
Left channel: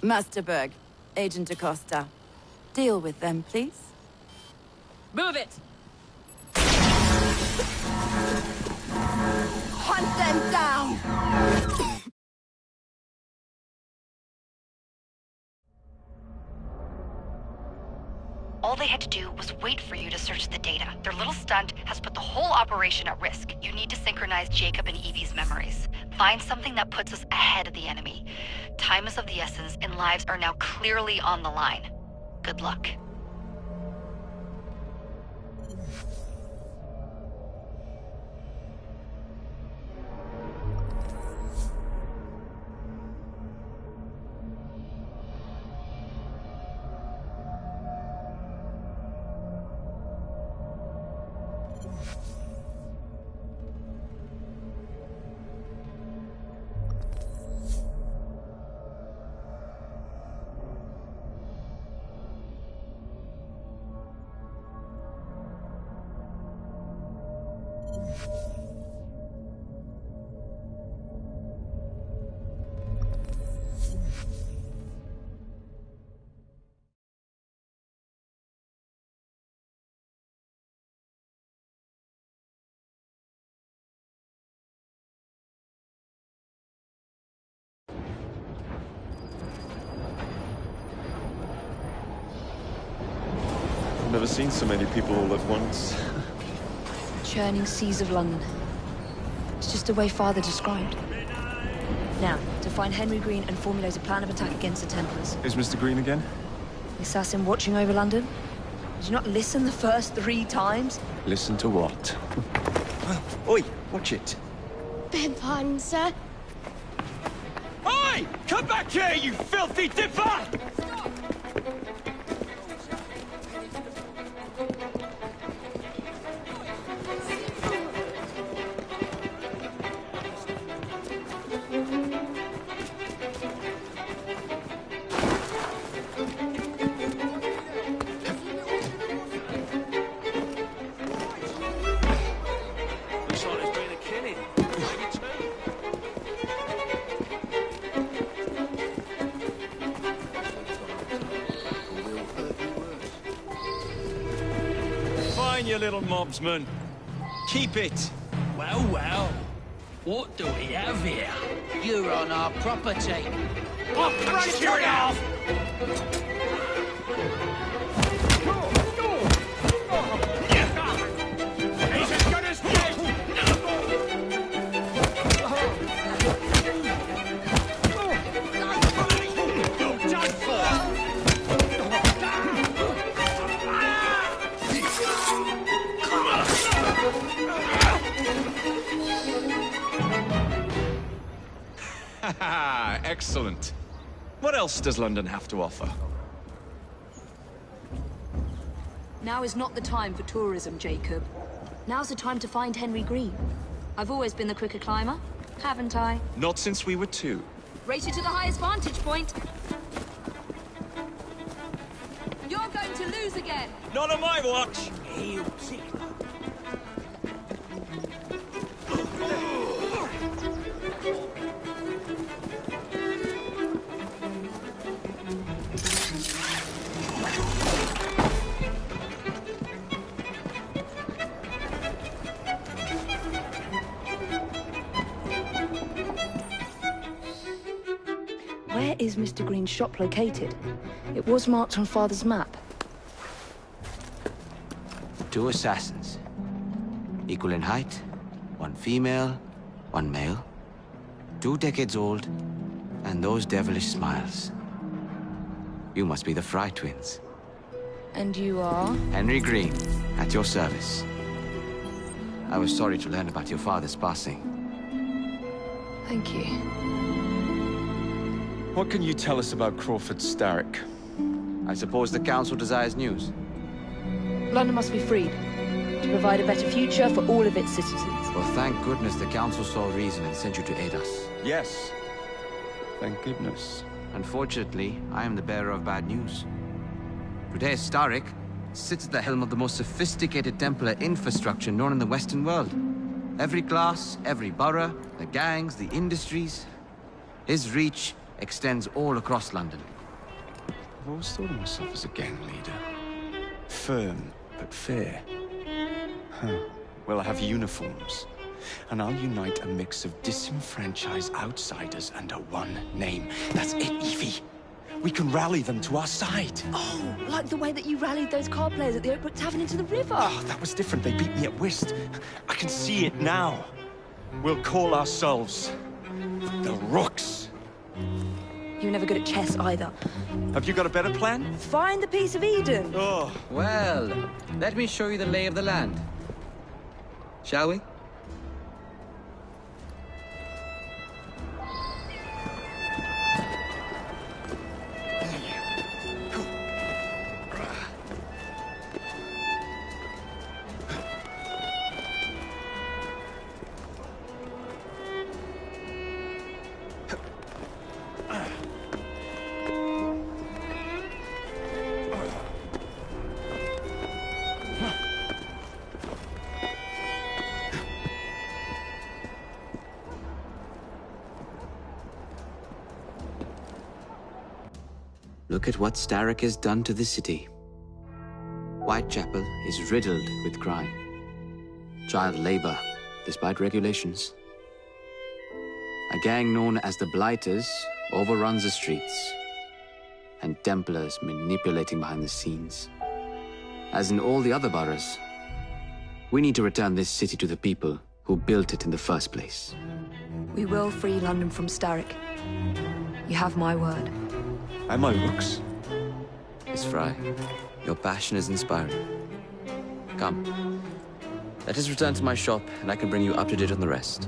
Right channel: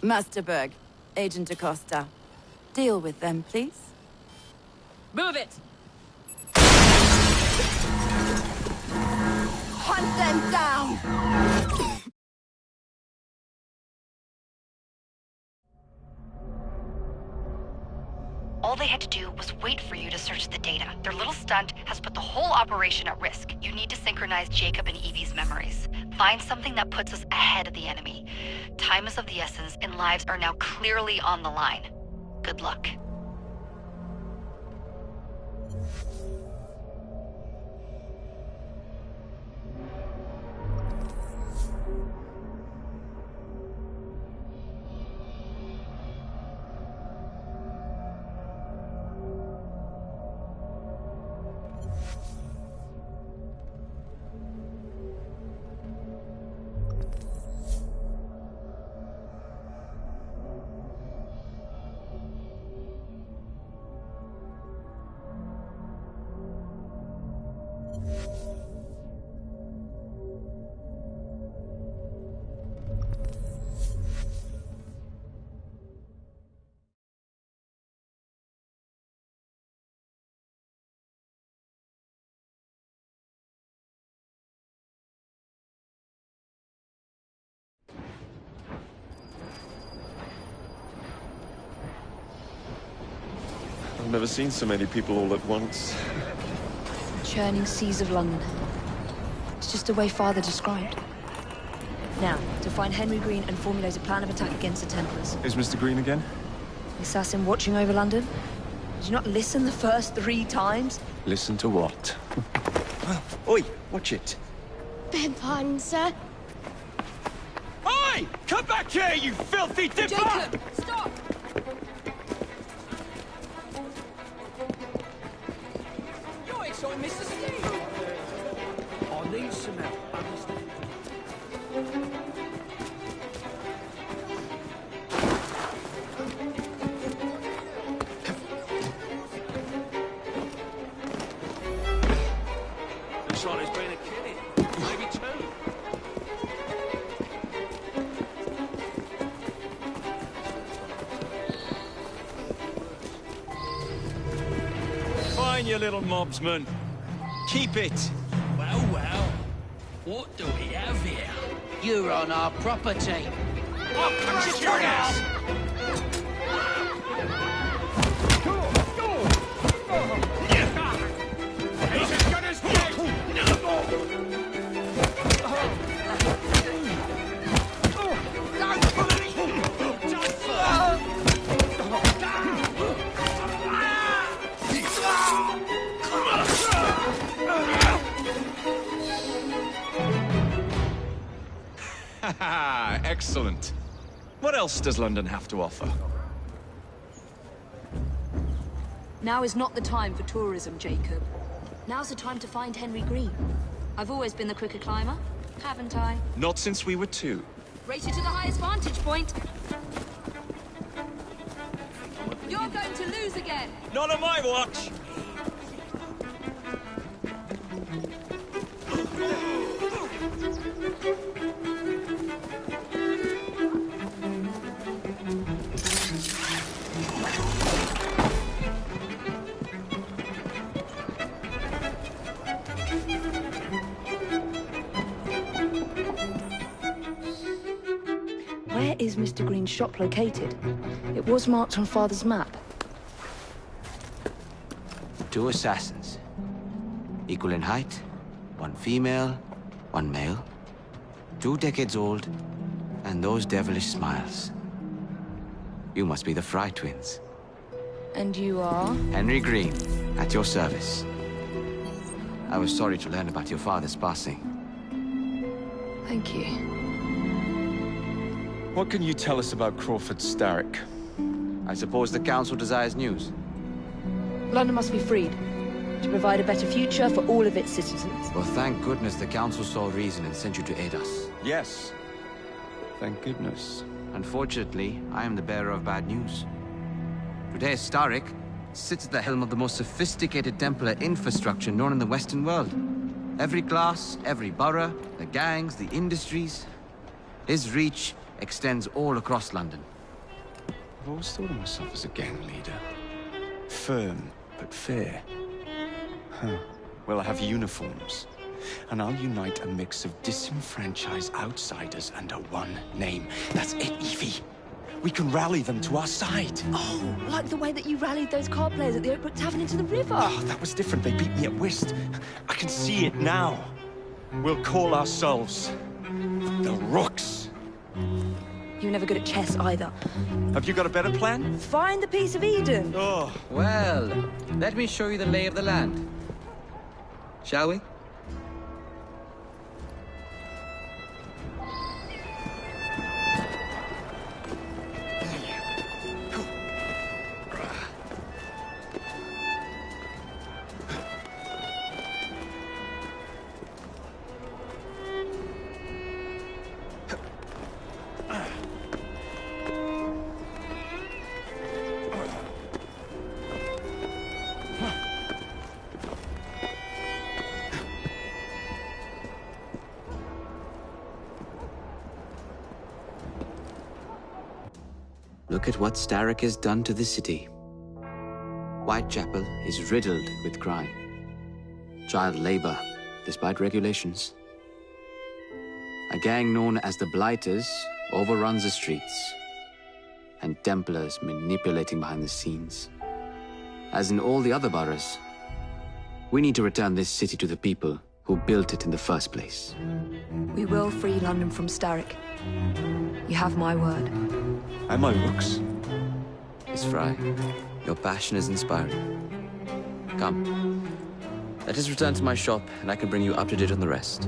Masterberg, Agent Acosta. Deal with them, please. Move it! Hunt them down! All they had to do was wait for you to search the data. Their little stunt has put the whole operation at risk. You need to synchronize Jacob and Evie's memories. Find something that puts us ahead of the enemy. Time is of the essence, and lives are now clearly on the line. Good luck. I've never seen so many people all at once. Churning seas of London. It's just the way Father described. Now, to find Henry Green and formulate a plan of attack against the Templars. Is Mr. Green again? The assassin watching over London? Did you not listen the first 3 times? Listen to what? Oi, watch it. Beg pardon, sir. Oi! Come back here, you filthy dipper! Jacob, stop! Looks like there's been a killing. Maybe 2. Fine, you little mobsman. Keep it. Well, well. What do we have here? You're on our property. I'll crush your ass! He's as good as dead! You're done for! Excellent. What else does London have to offer? Now is not the time for tourism, Jacob. Now's the time to find Henry Green. I've always been the quicker climber, haven't I? Not since we were 2. Race you to the highest vantage point. You're going to lose again. Not on my watch! is Mr. Green's shop located? It was marked on Father's map. 2 assassins. Equal in height, 1 female, 1 male. 2 decades old, and those devilish smiles. You must be the Fry twins. And you are? Henry Green, at your service. I was sorry to learn about your father's passing. Thank you. What can you tell us about Crawford Starrick? I suppose the Council desires news. London must be freed, to provide a better future for all of its citizens. Well, thank goodness the Council saw reason and sent you to aid us. Yes. Thank goodness. Unfortunately, I am the bearer of bad news. Today, Starrick sits at the helm of the most sophisticated Templar infrastructure known in the Western world. Every class, every borough, the gangs, the industries. His reach extends all across London. I've always thought of myself as a gang leader. Firm, but fair. Huh. Well, I have uniforms. And I'll unite a mix of disenfranchised outsiders under one name. That's it, Evie. We can rally them to our side. Oh, like the way that you rallied those card players at the Oakbrook Tavern into the river. Oh, that was different. They beat me at whist. I can see it now. We'll call ourselves the Rooks. You're never good at chess either. Have you got a better plan? Find the piece of Eden. Oh. Well, let me show you the lay of the land. Shall we? Look at what Starrick has done to the city. Whitechapel is riddled with crime. Child labor, despite regulations. A gang known as the Blighters overruns the streets, and Templars manipulating behind the scenes. As in all the other boroughs, we need to return this city to the people who built it in the first place. We will free London from Starrick. You have my word. Am I Rooks? Miss Fry, your passion is inspiring. Come, let us return to my shop, and I can bring you up to date on the rest.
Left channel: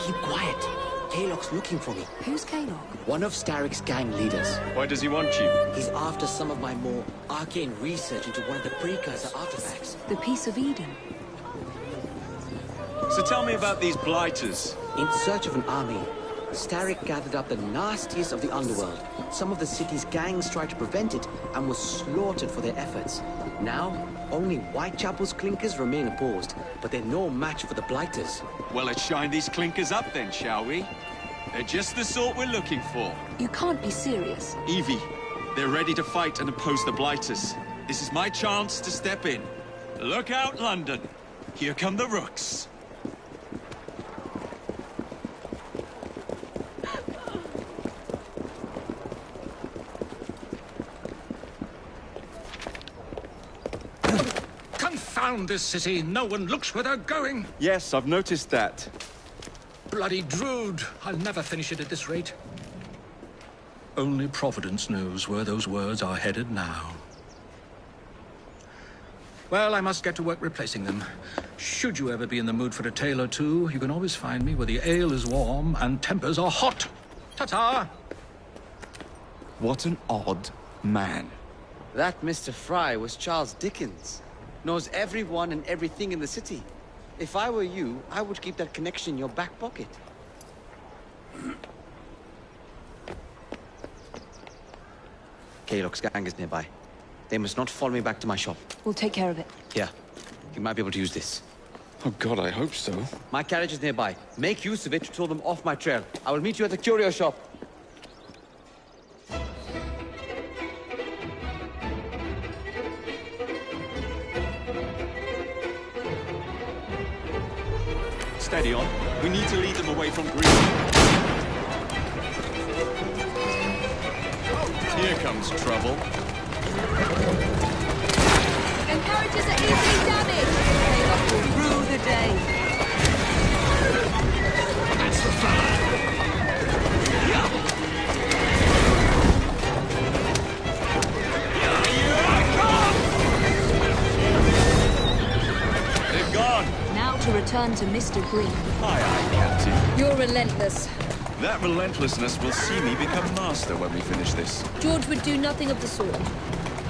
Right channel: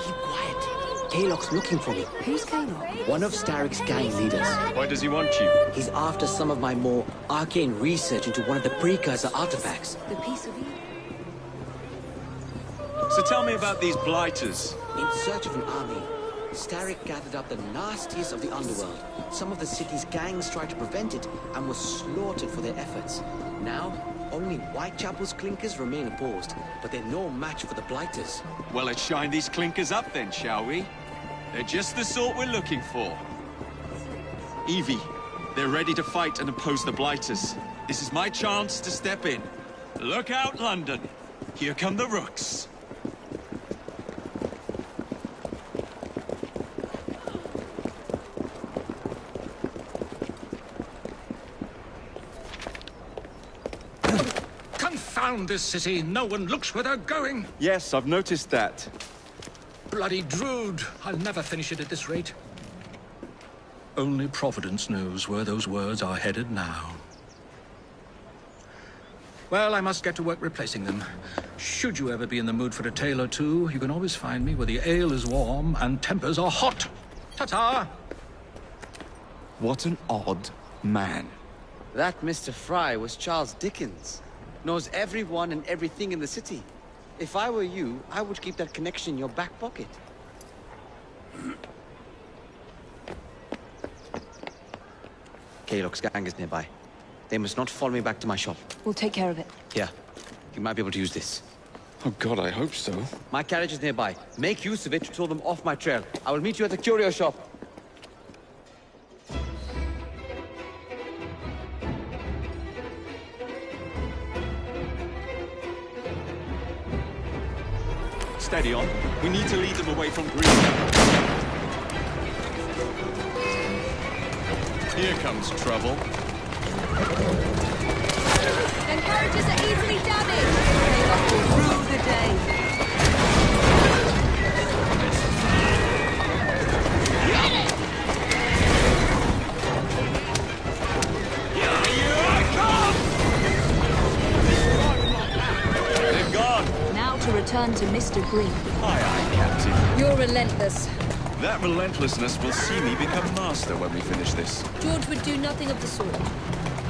Keep quiet. Kaylock's looking for me. Who's Kaylock? One of Starrick's gang leaders. Why does he want you? He's after some of my more arcane research into one of the precursor artifacts. The piece of Eden. So tell me about these Blighters. In search of an army, Starrick gathered up the nastiest of the underworld. Some of the city's gangs tried to prevent it and were slaughtered for their efforts. Now, only Whitechapel's clinkers remain opposed, but they're no match for the Blighters. Well, let's shine these clinkers up then, shall we? They're just the sort we're looking for. You can't be serious. Evie, they're ready to fight and oppose the Blighters. This is my chance to step in. Look out, London. Here come the Rooks. Confound this city! No one looks where they're going! Yes, I've noticed that. Bloody Drood! I'll never finish it at this rate. Only Providence knows where those words are headed now. Well, I must get to work replacing them. Should you ever be in the mood for a tale or two, you can always find me where the ale is warm and tempers are hot. Ta-ta! What an odd man. That Mr. Fry was Charles Dickens. Knows everyone and everything in the city. If I were you, I would keep that connection in your back pocket. Kaylock's gang is nearby. They must not follow me back to my shop. We'll take care of it. Here, you might be able to use this. Oh God, I hope so. My carriage is nearby. Make use of it to throw them off my trail. I will meet you at the curio shop. Steady on. We need to lead them away from Green. Here comes trouble. Their carriages are easily damaged. Kaylock will rue the day. They're gone. Now to return to Mr. Green. Aye, aye, Captain. You're relentless. That relentlessness will see me become master when we finish this. George would do nothing of the sort.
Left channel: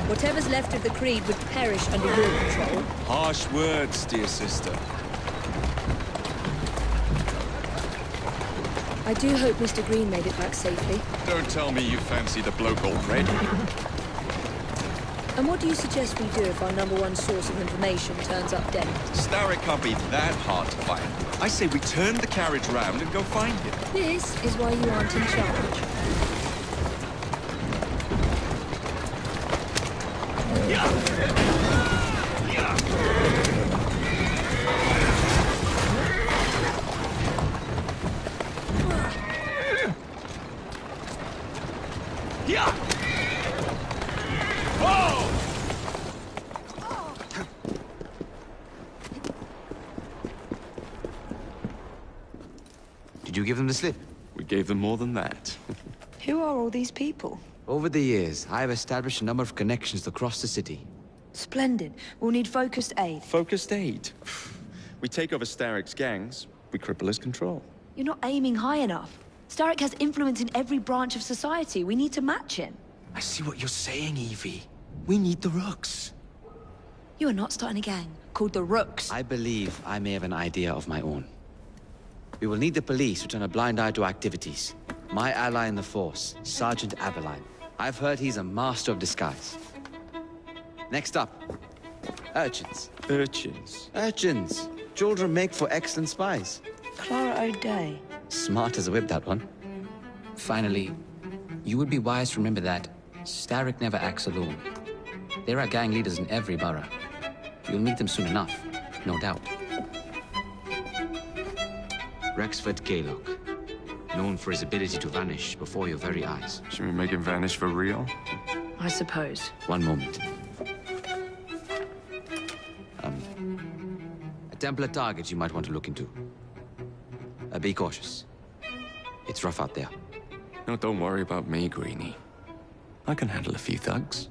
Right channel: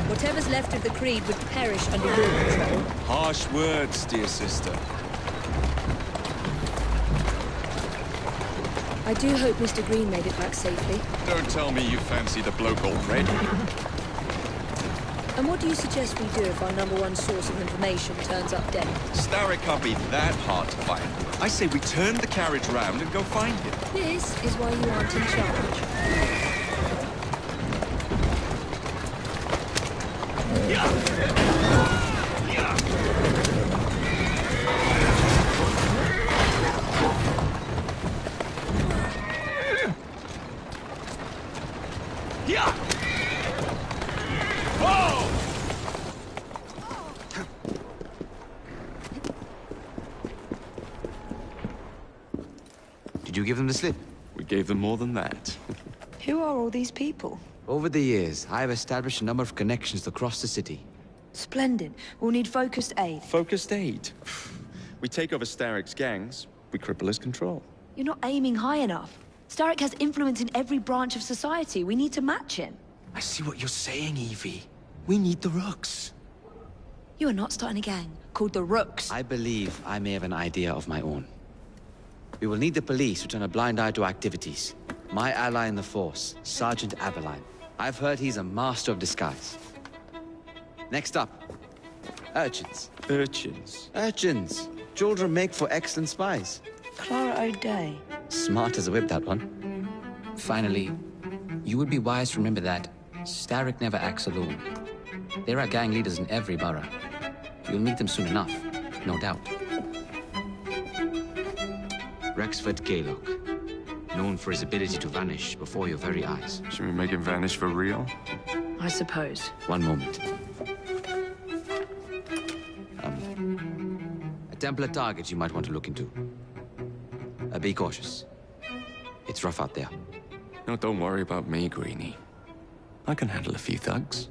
Whatever's left of the Creed would perish under your control. Harsh words, dear sister. I do hope Mr. Green made it back safely. Don't tell me you fancy the bloke already. And what do you suggest we do if our #1 source of information turns up dead? Starrick can't be that hard to find. I say we turn the carriage round and go find him. This is why you aren't in charge. Did you give them the slip? We gave them more than that. Who are all these people? Over the years, I have established a number of connections across the city. Splendid. We'll need focused aid. Focused aid. We take over Starrick's gangs, we cripple his control. You're not aiming high enough. Starrick has influence in every branch of society. We need to match him. I see what you're saying, Evie. We need the Rooks. You are not starting a gang called the Rooks. I believe I may have an idea of my own. We will need the police to turn a blind eye to activities. My ally in the force, Sergeant Aberline. I've heard he's a master of disguise. Next up, urchins. Urchins? Urchins. Children make for excellent spies. Clara O'Day. Smart as a whip, that one. Finally, you would be wise to remember that Starrick never acts alone. There are gang leaders in every borough. You'll meet them soon enough, no doubt. Rexford Kaylock, known for his ability to vanish before your very eyes. Should we make him vanish for real? I suppose. One moment. A Templar target you might want to look into. Be cautious. It's rough out there. No, don't worry about me, Greenie. I can handle a few thugs.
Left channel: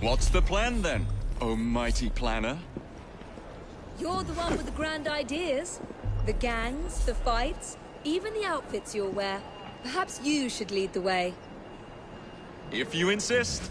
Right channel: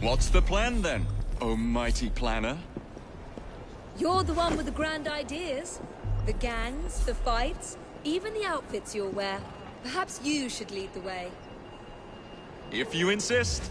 What's the plan then, oh mighty planner? You're the one with the grand ideas. The gangs, the fights, even the outfits you'll wear. Perhaps you should lead the way. If you insist.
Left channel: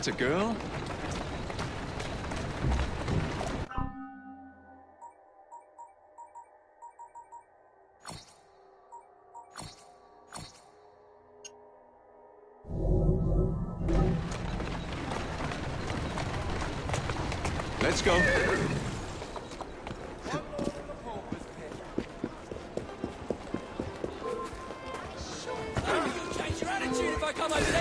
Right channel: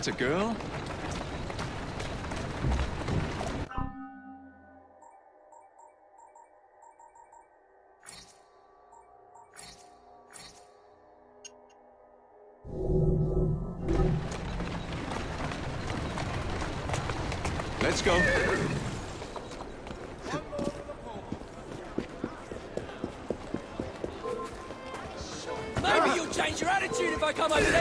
Atta girl. Let's go. Maybe you'll change your attitude if I come over there.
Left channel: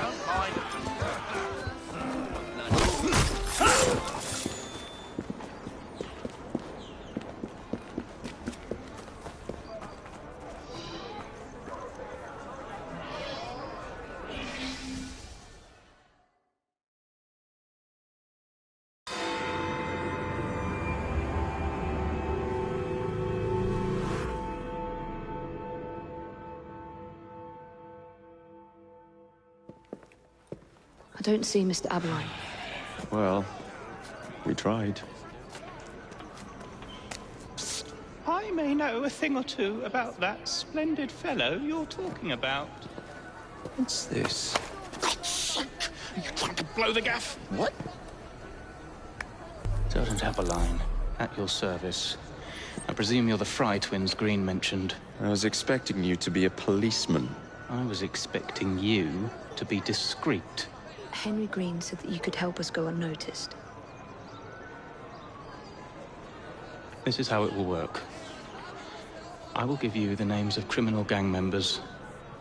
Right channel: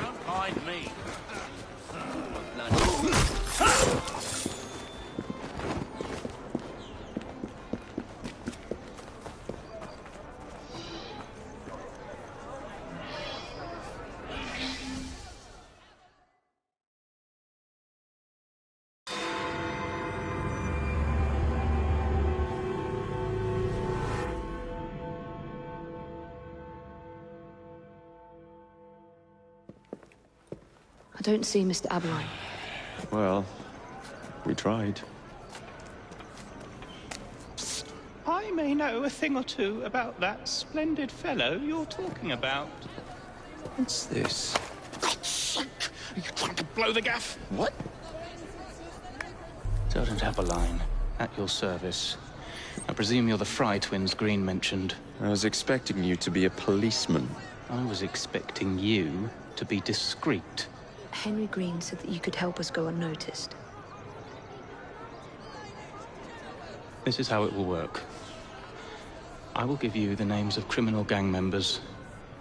Don't mind me. I don't see Mr. Aberline. Well, we tried. I may know a thing or two about that splendid fellow you're talking about. What's this? God's sake! Are you trying to blow the gaff? What? Sergeant Aberline, at your service. I presume you're the Fry twins Green mentioned. I was expecting you to be a policeman. I was expecting you to be discreet. Henry Green said that you could help us go unnoticed. This is how it will work. I will give you the names of criminal gang members.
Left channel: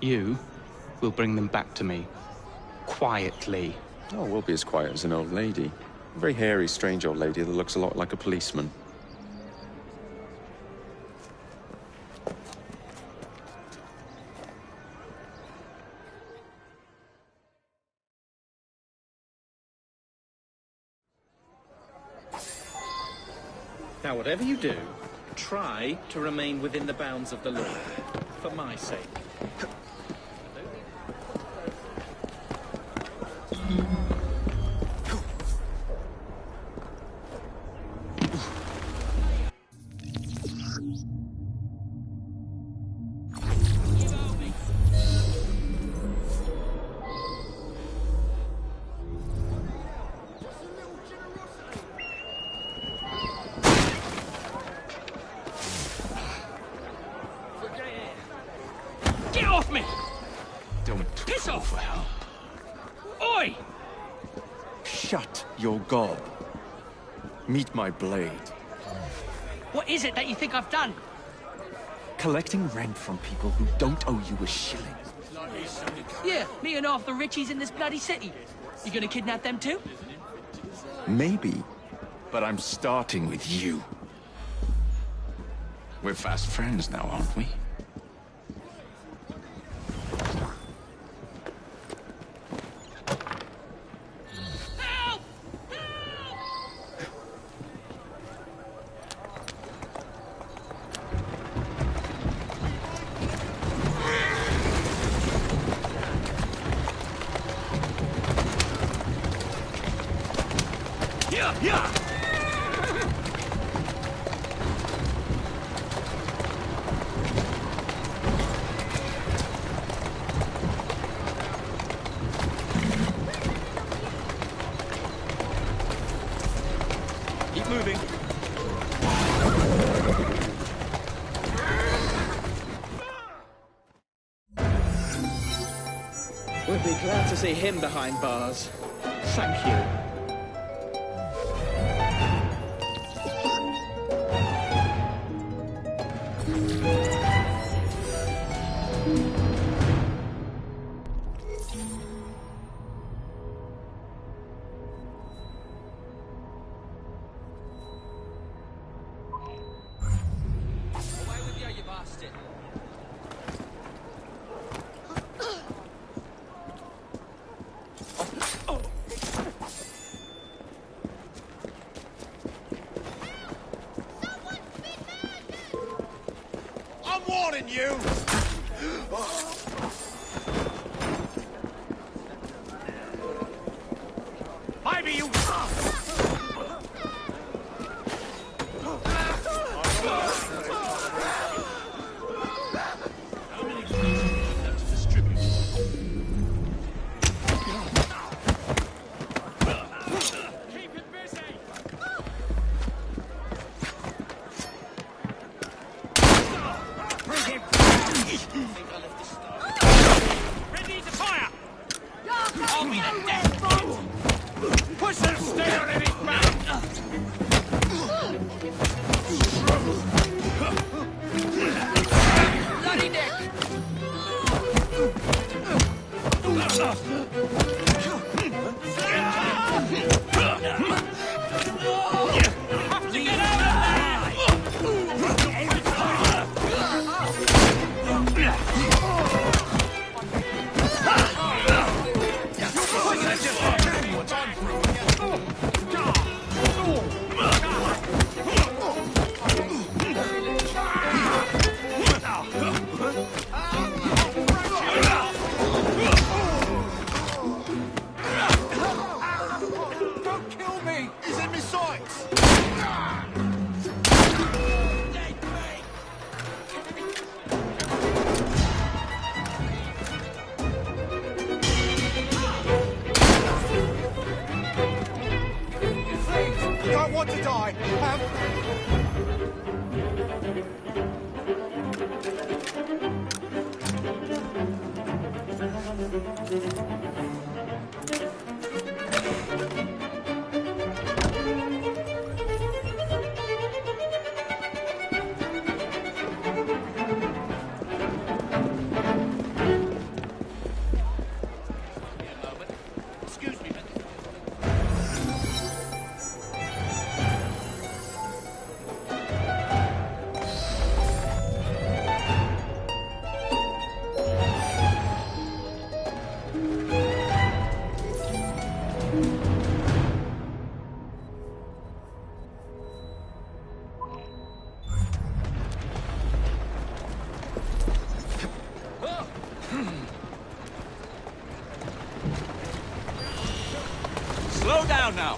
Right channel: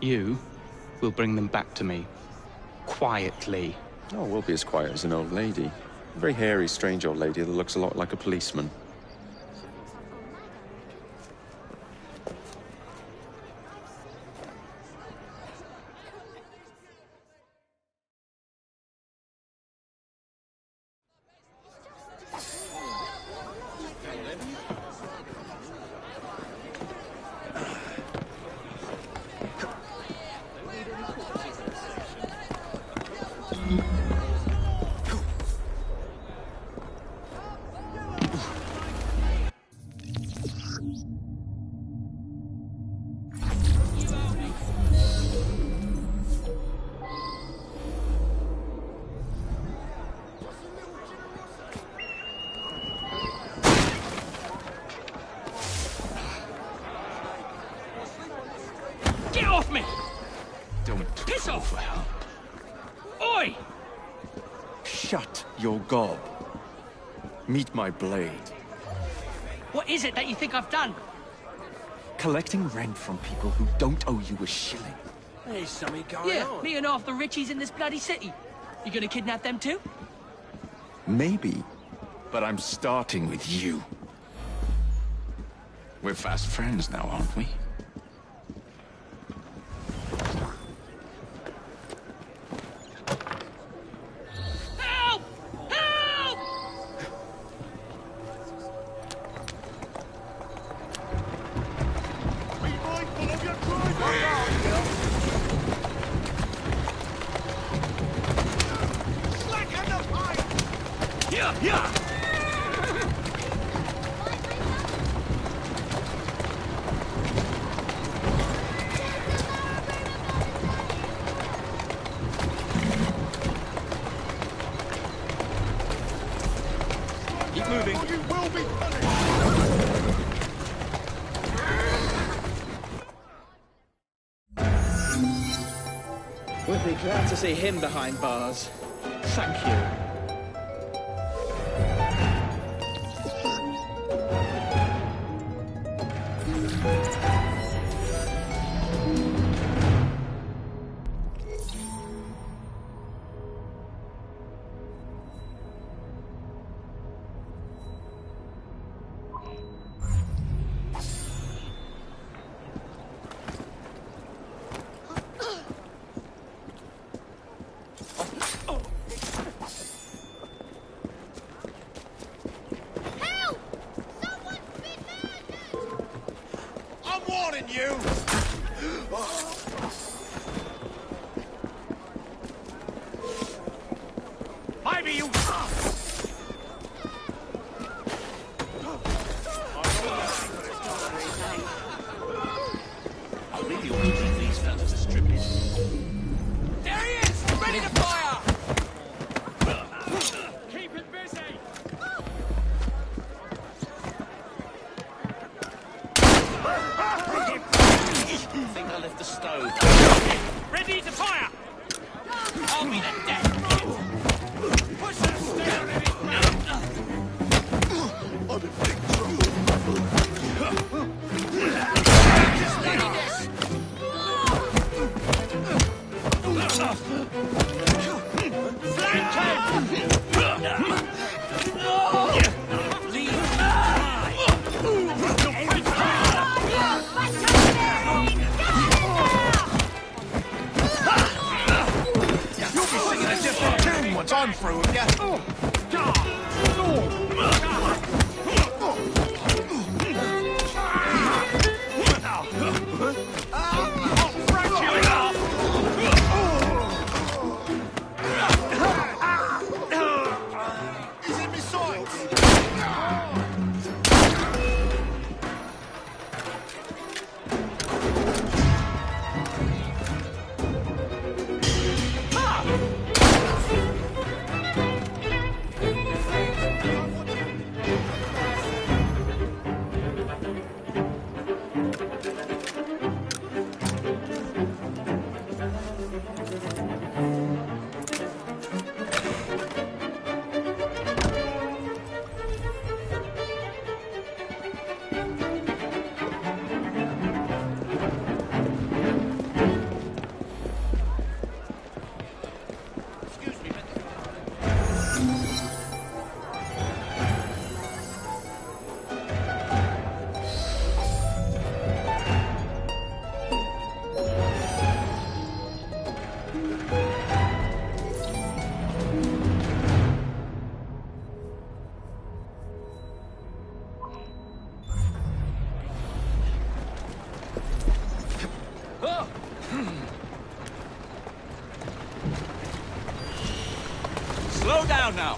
You will bring them back to me. Quietly. Oh, we'll be as quiet as an old lady. A very hairy, strange old lady that looks a lot like a policeman. Now, whatever you do, try to remain within the bounds of the law, for my sake. Get off me! Don't Piss call off! for help. Oi! Shut your gob. Meet my blade. What is it that you think I've done? Collecting rent from people who don't owe you a shilling. There's something going Yeah, on. me and half the richies in this bloody city. You gonna kidnap them too? Maybe, but I'm starting with you. We're fast friends now, aren't we? Help! Help! Yeah, yeah! Keep moving. We'll be glad to see him behind bars. Thank you. I'm warning you! Maybe you... How many of these to distribute? There he is! think I left the stove. Ready to fire! I'll be the death kit! Push the stair in his Bloody death! What I'm through again. He's in my sights. You don't want to die. Excuse me, Slow down now.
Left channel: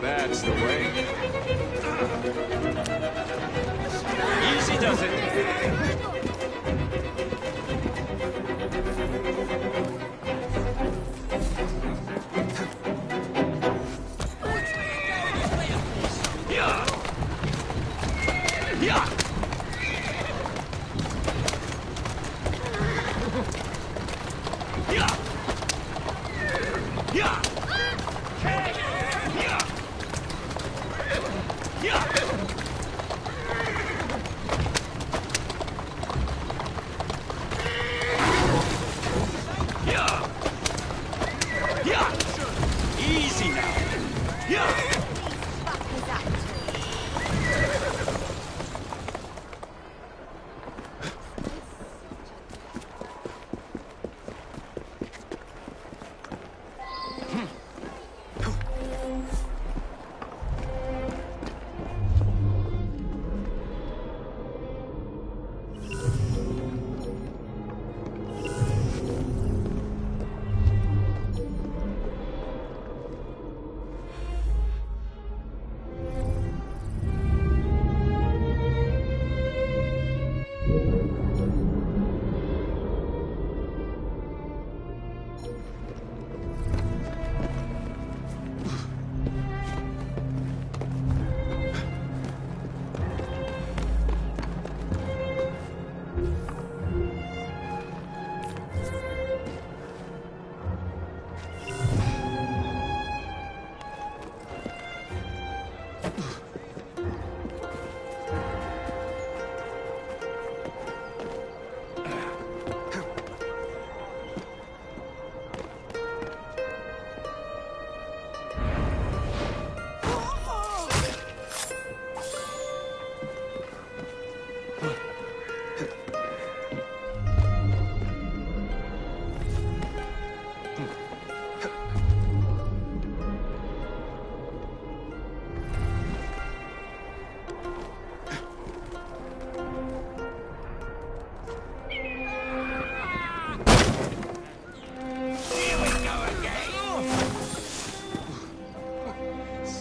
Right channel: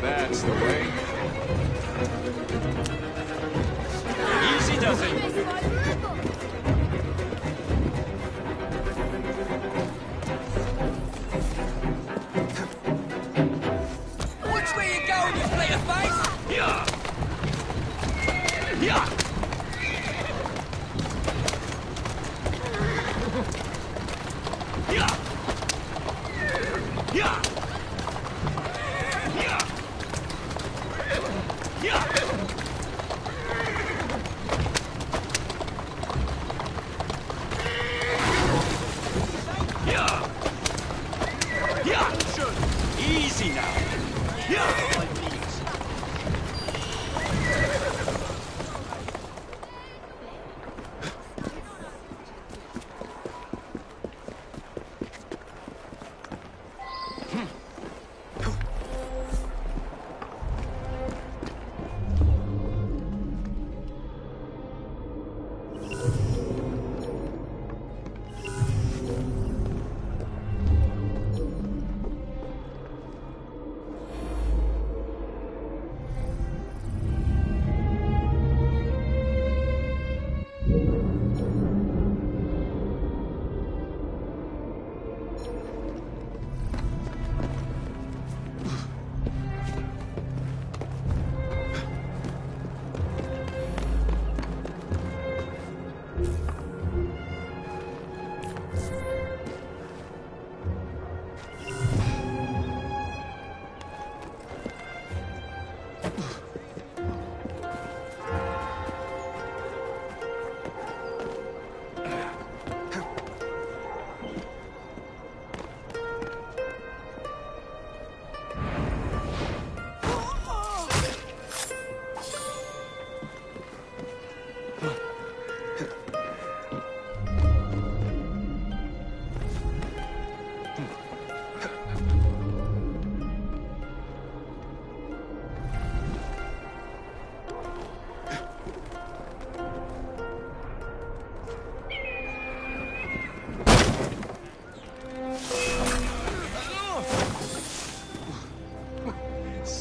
That's the way. Easy does it. Which way you going, you play a face? Yeah. Yeah. Yeah. Yeah. Yeah.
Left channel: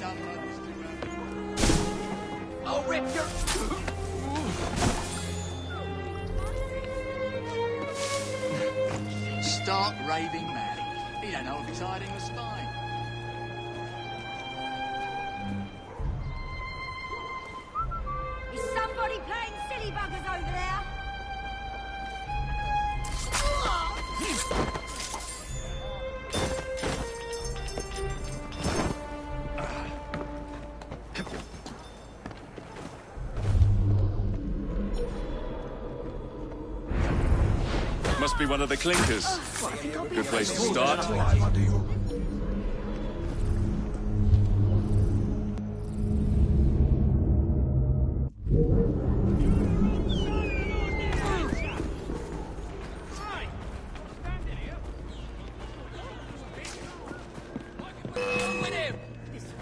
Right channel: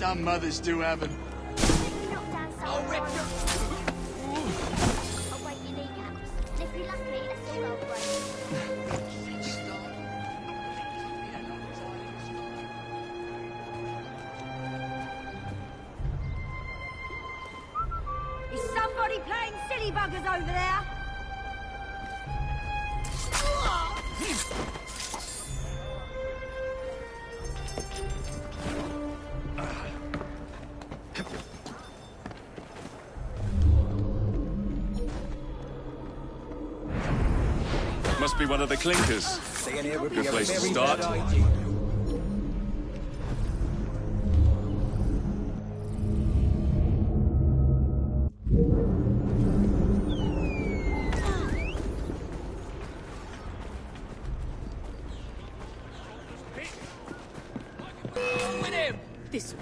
Some mothers do have them. I'll rip your... Start raving mad. He don't know if he's hiding a spine. Is somebody playing silly buggers over there? Must be one of the clinkers. Good place to start. With him! This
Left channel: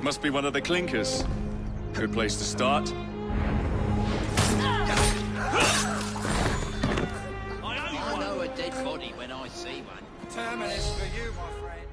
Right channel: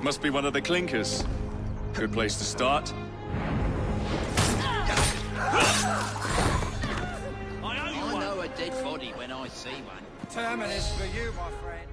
Must be one of the clinkers. Good place to start. I know a dead body when I see one. Terminus for you, my friend.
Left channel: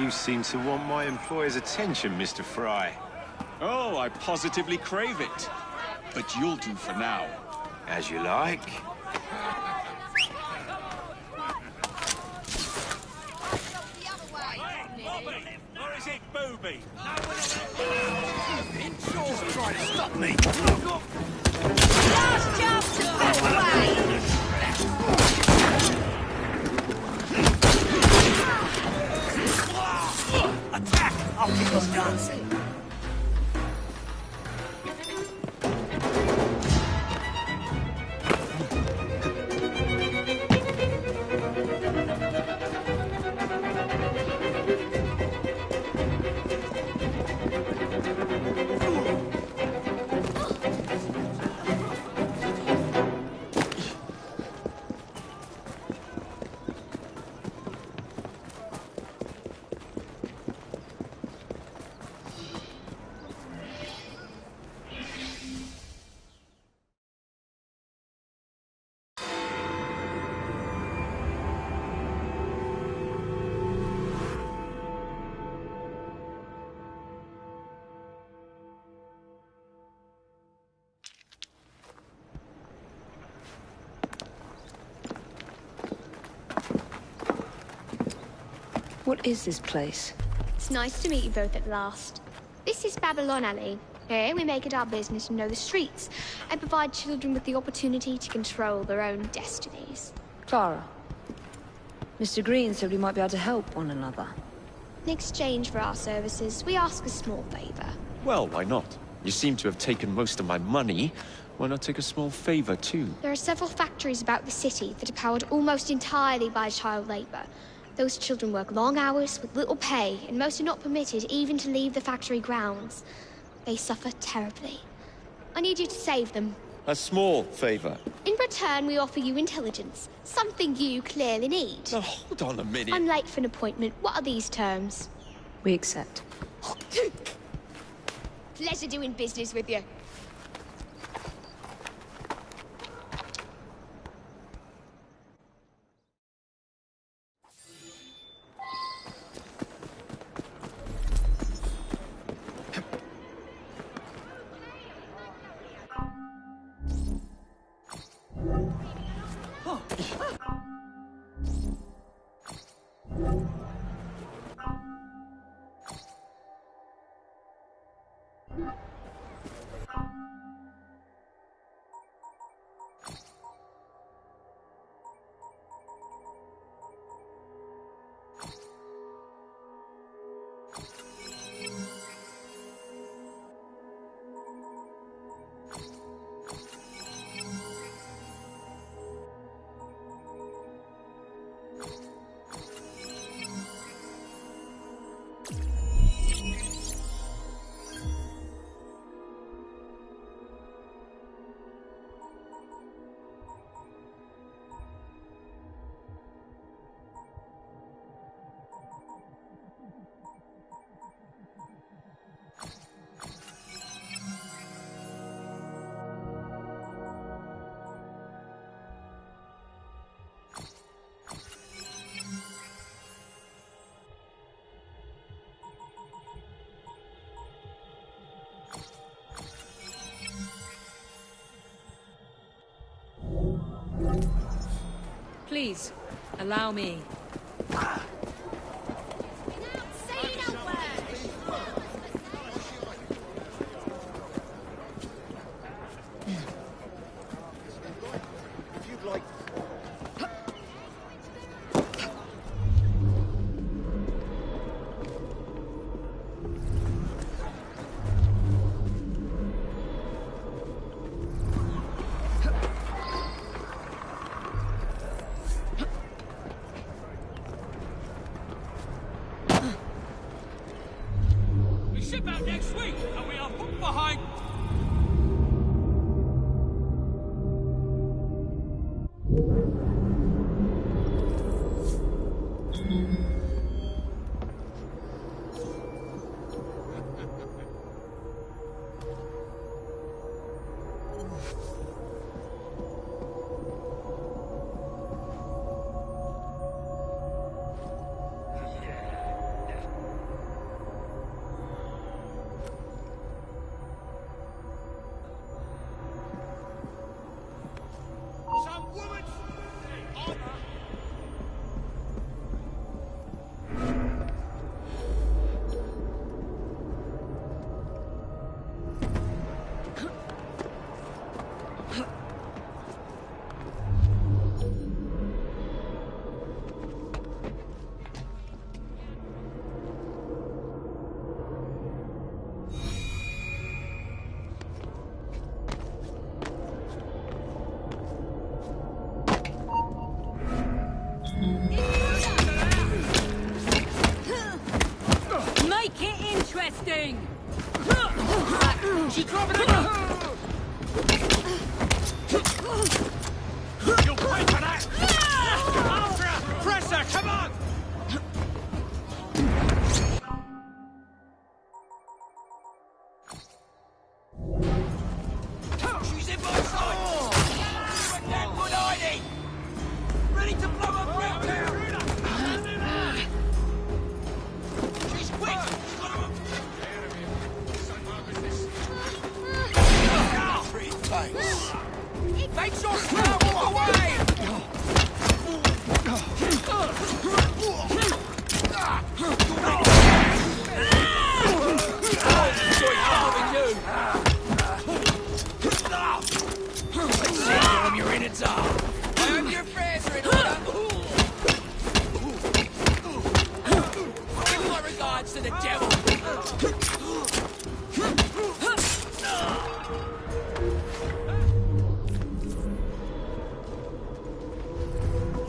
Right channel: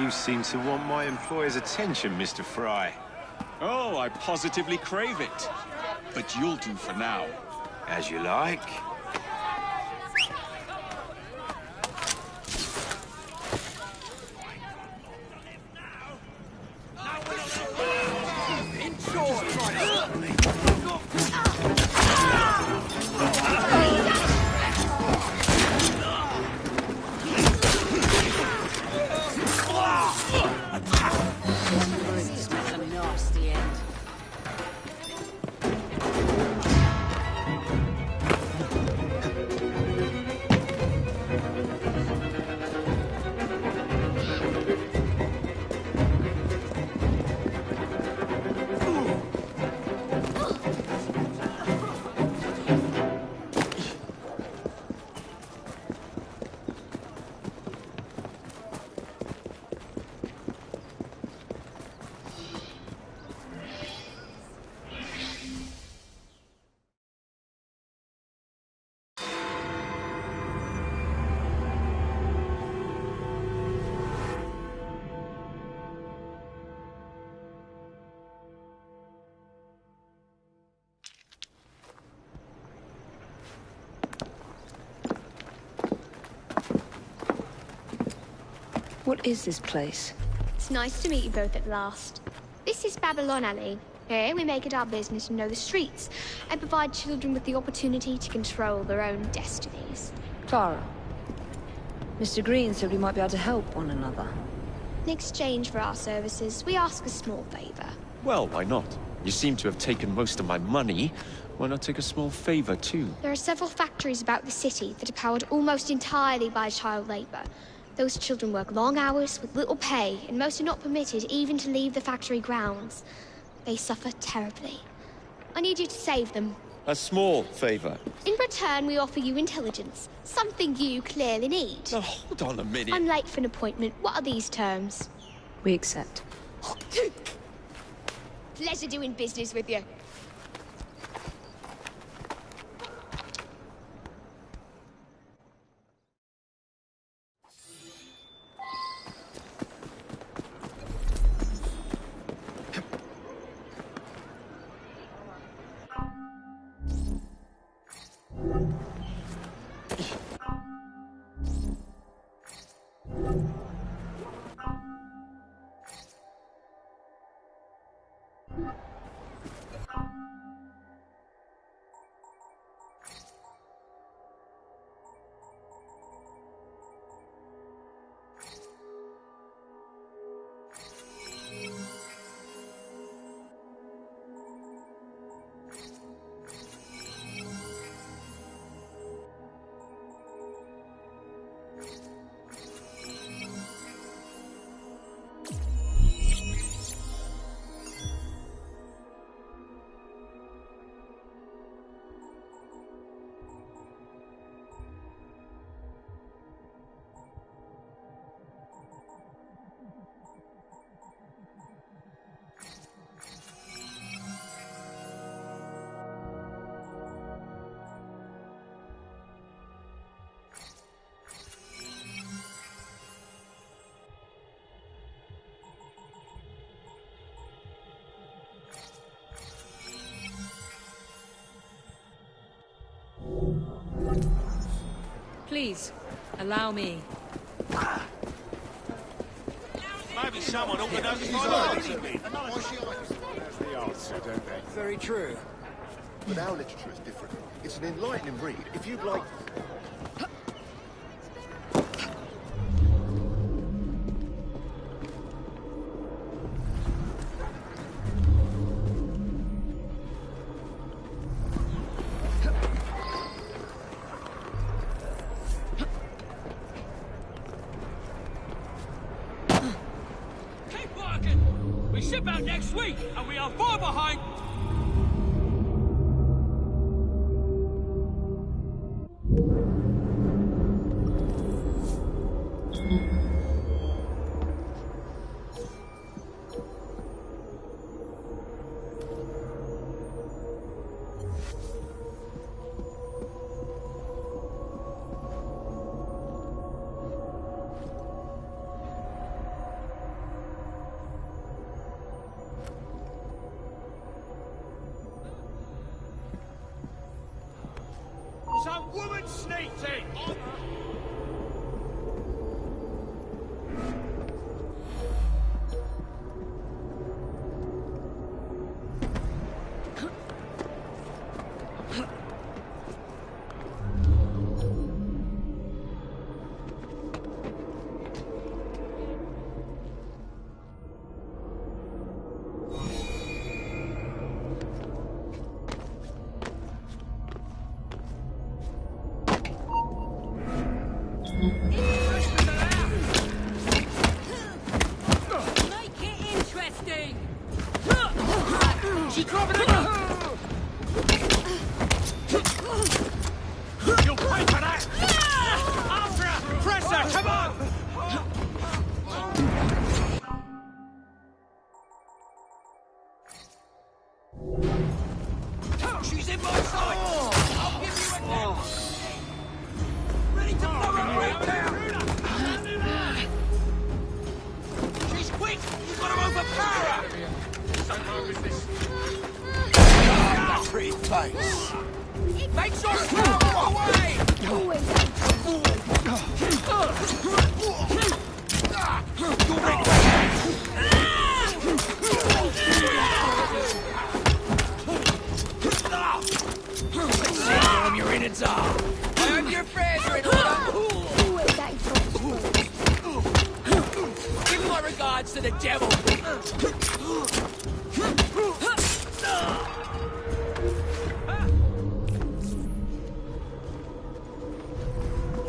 You seem to want my employer's attention, Mr. Fry. Oh, I positively crave it. But you'll do for now. As you like. Just try to stop me. What is this place? It's nice to meet you both at last. This is Babylon Alley. Here we make it our business to know the streets and provide children with the opportunity to control their own destinies. Clara. Mr. Green said we might be able to help one another. In exchange for our services, we ask a small favor. Well, why not? You seem to have taken most of my money. Why not take a small favor, too? There are several factories about the city that are powered almost entirely by child labor. Those children work long hours with little pay, and most are not permitted even to leave the factory grounds. They suffer terribly. I need you to save them. A small favor. In return, we offer you intelligence, something you clearly need. Now, hold on a minute. I'm late for an appointment. What are these terms? We accept. Pleasure doing business with you. Please, allow me. Maybe someone ought to notify me. Very true. But our literature is different. It's an enlightening read. If you'd like... We ship out next week, and we are far behind. Some woman sneaked in! Make it interesting! She's dropping the gun! You'll pay for that! After her! Press her! Come on! She's in my sight! Give you a damn good ID! Ready to blow her brain down! She's quick! You've got to overpower her! So hard with this. Pretty face! Make sure to walk away! Your innards are. I hope your affairs are in order. Give my regards to the devil.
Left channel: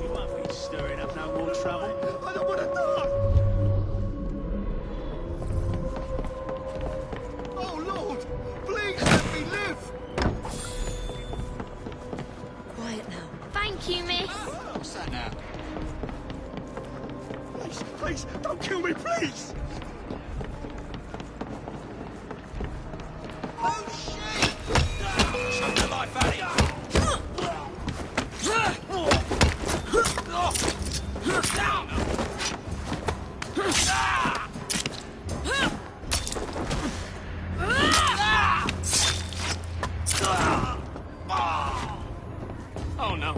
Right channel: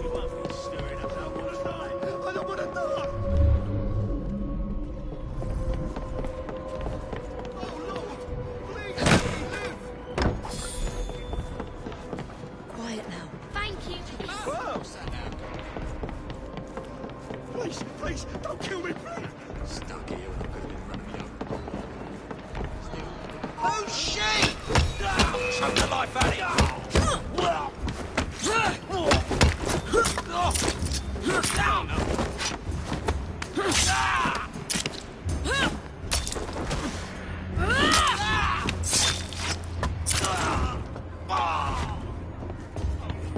You won't be stirring up no more trouble. I don't want to die. Oh, Lord! Please let me live! Quiet now. Thank you, miss. What's that now? Please, please, don't kill me, please. Who's she? Choke the life out of you. Oh no.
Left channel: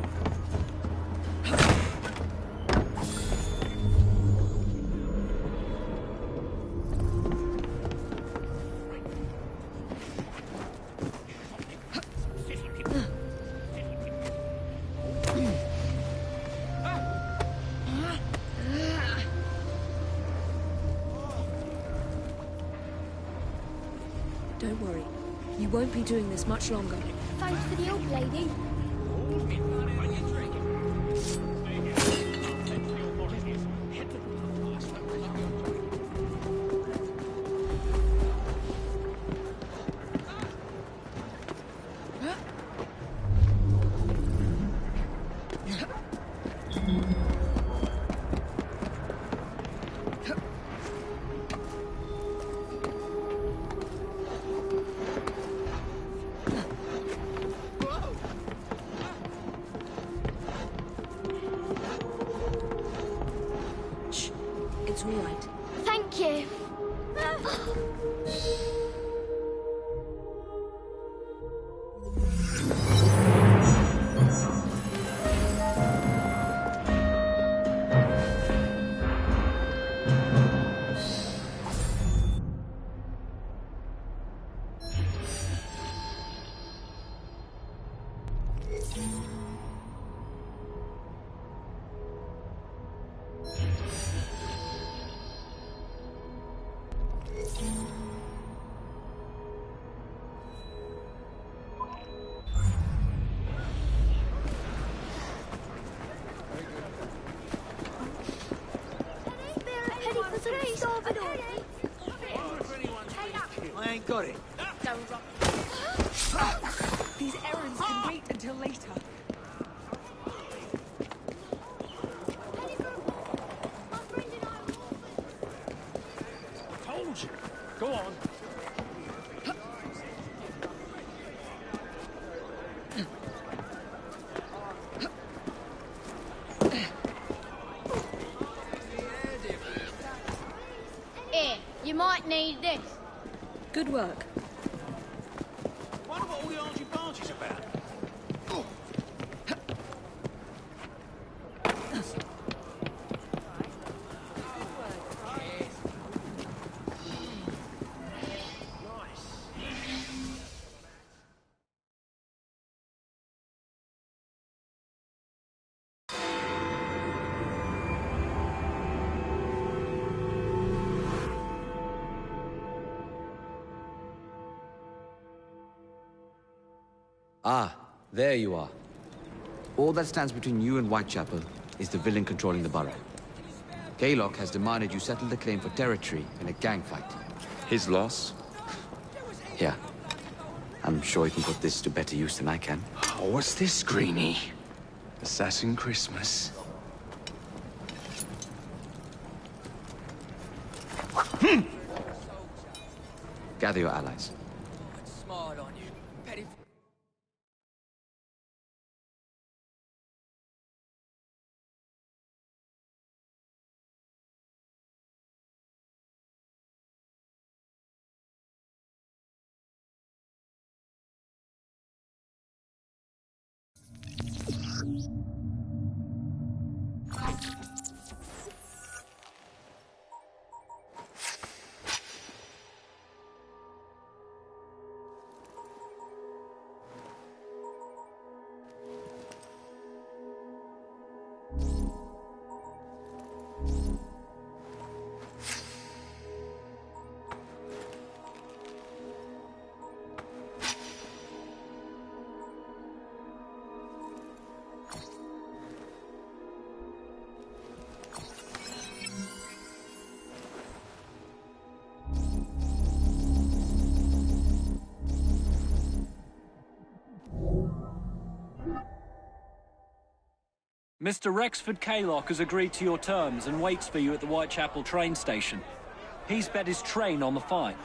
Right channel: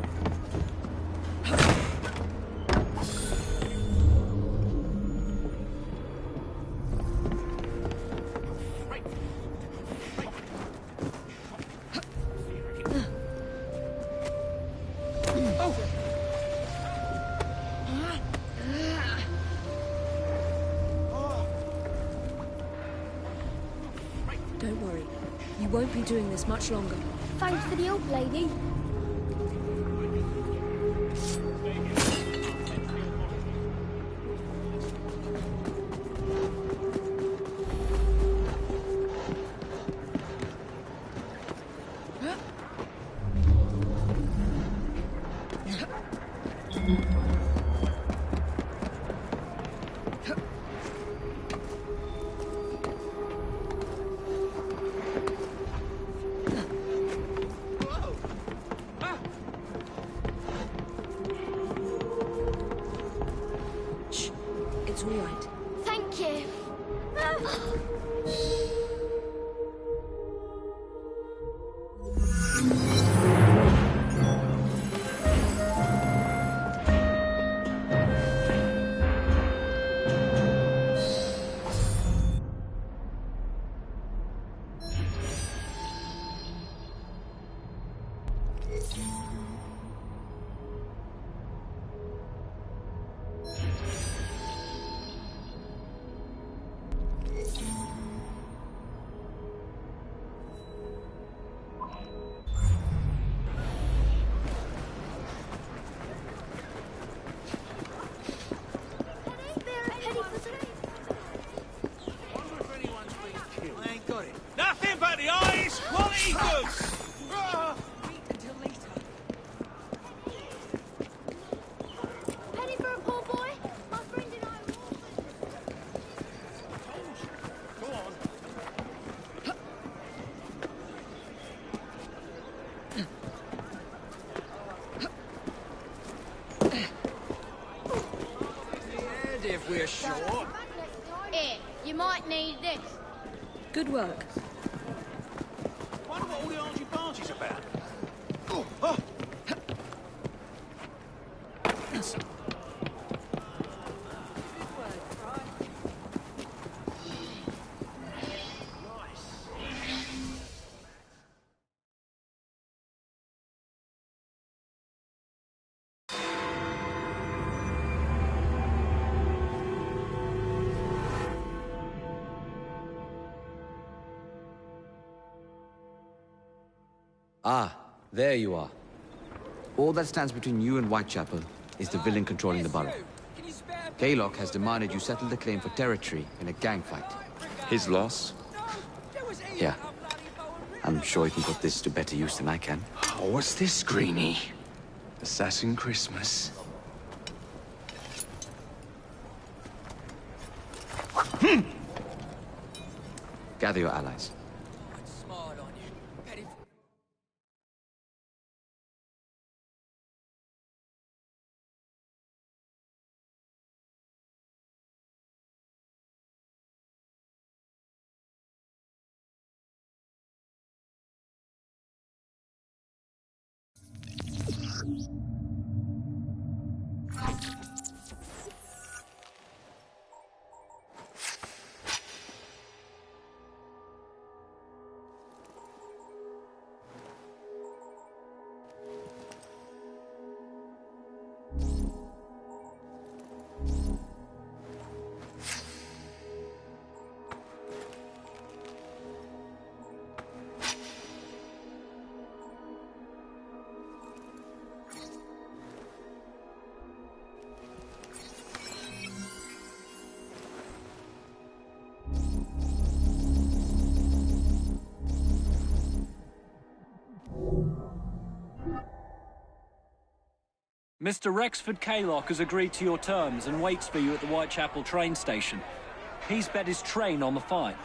Don't worry. You won't be doing this much longer. Thanks for the old lady. It's all right. Thank you. I ain't got it. Nothing but the eyes. What is good? These errands can wait until later. Penny for a poor boy? My friend and I were orphans. Told you. Go on. If we're short. Here, you might need this. Good work. Wonder what all the argy-bargy's about. Oh, oh. Ah, there you are. All that stands between you and Whitechapel is the villain controlling the borough. Kaylock has demanded you settle the claim for territory in a gang fight. His loss? Yeah. I'm sure he can put this to better use than I can. Oh, what's this, Greenie? Assassin Christmas? Gather your allies. Smile on you. Petty. Mr. Rexford Kaylock has agreed to your terms and waits for you at the Whitechapel train station. He's bet his train on the fight.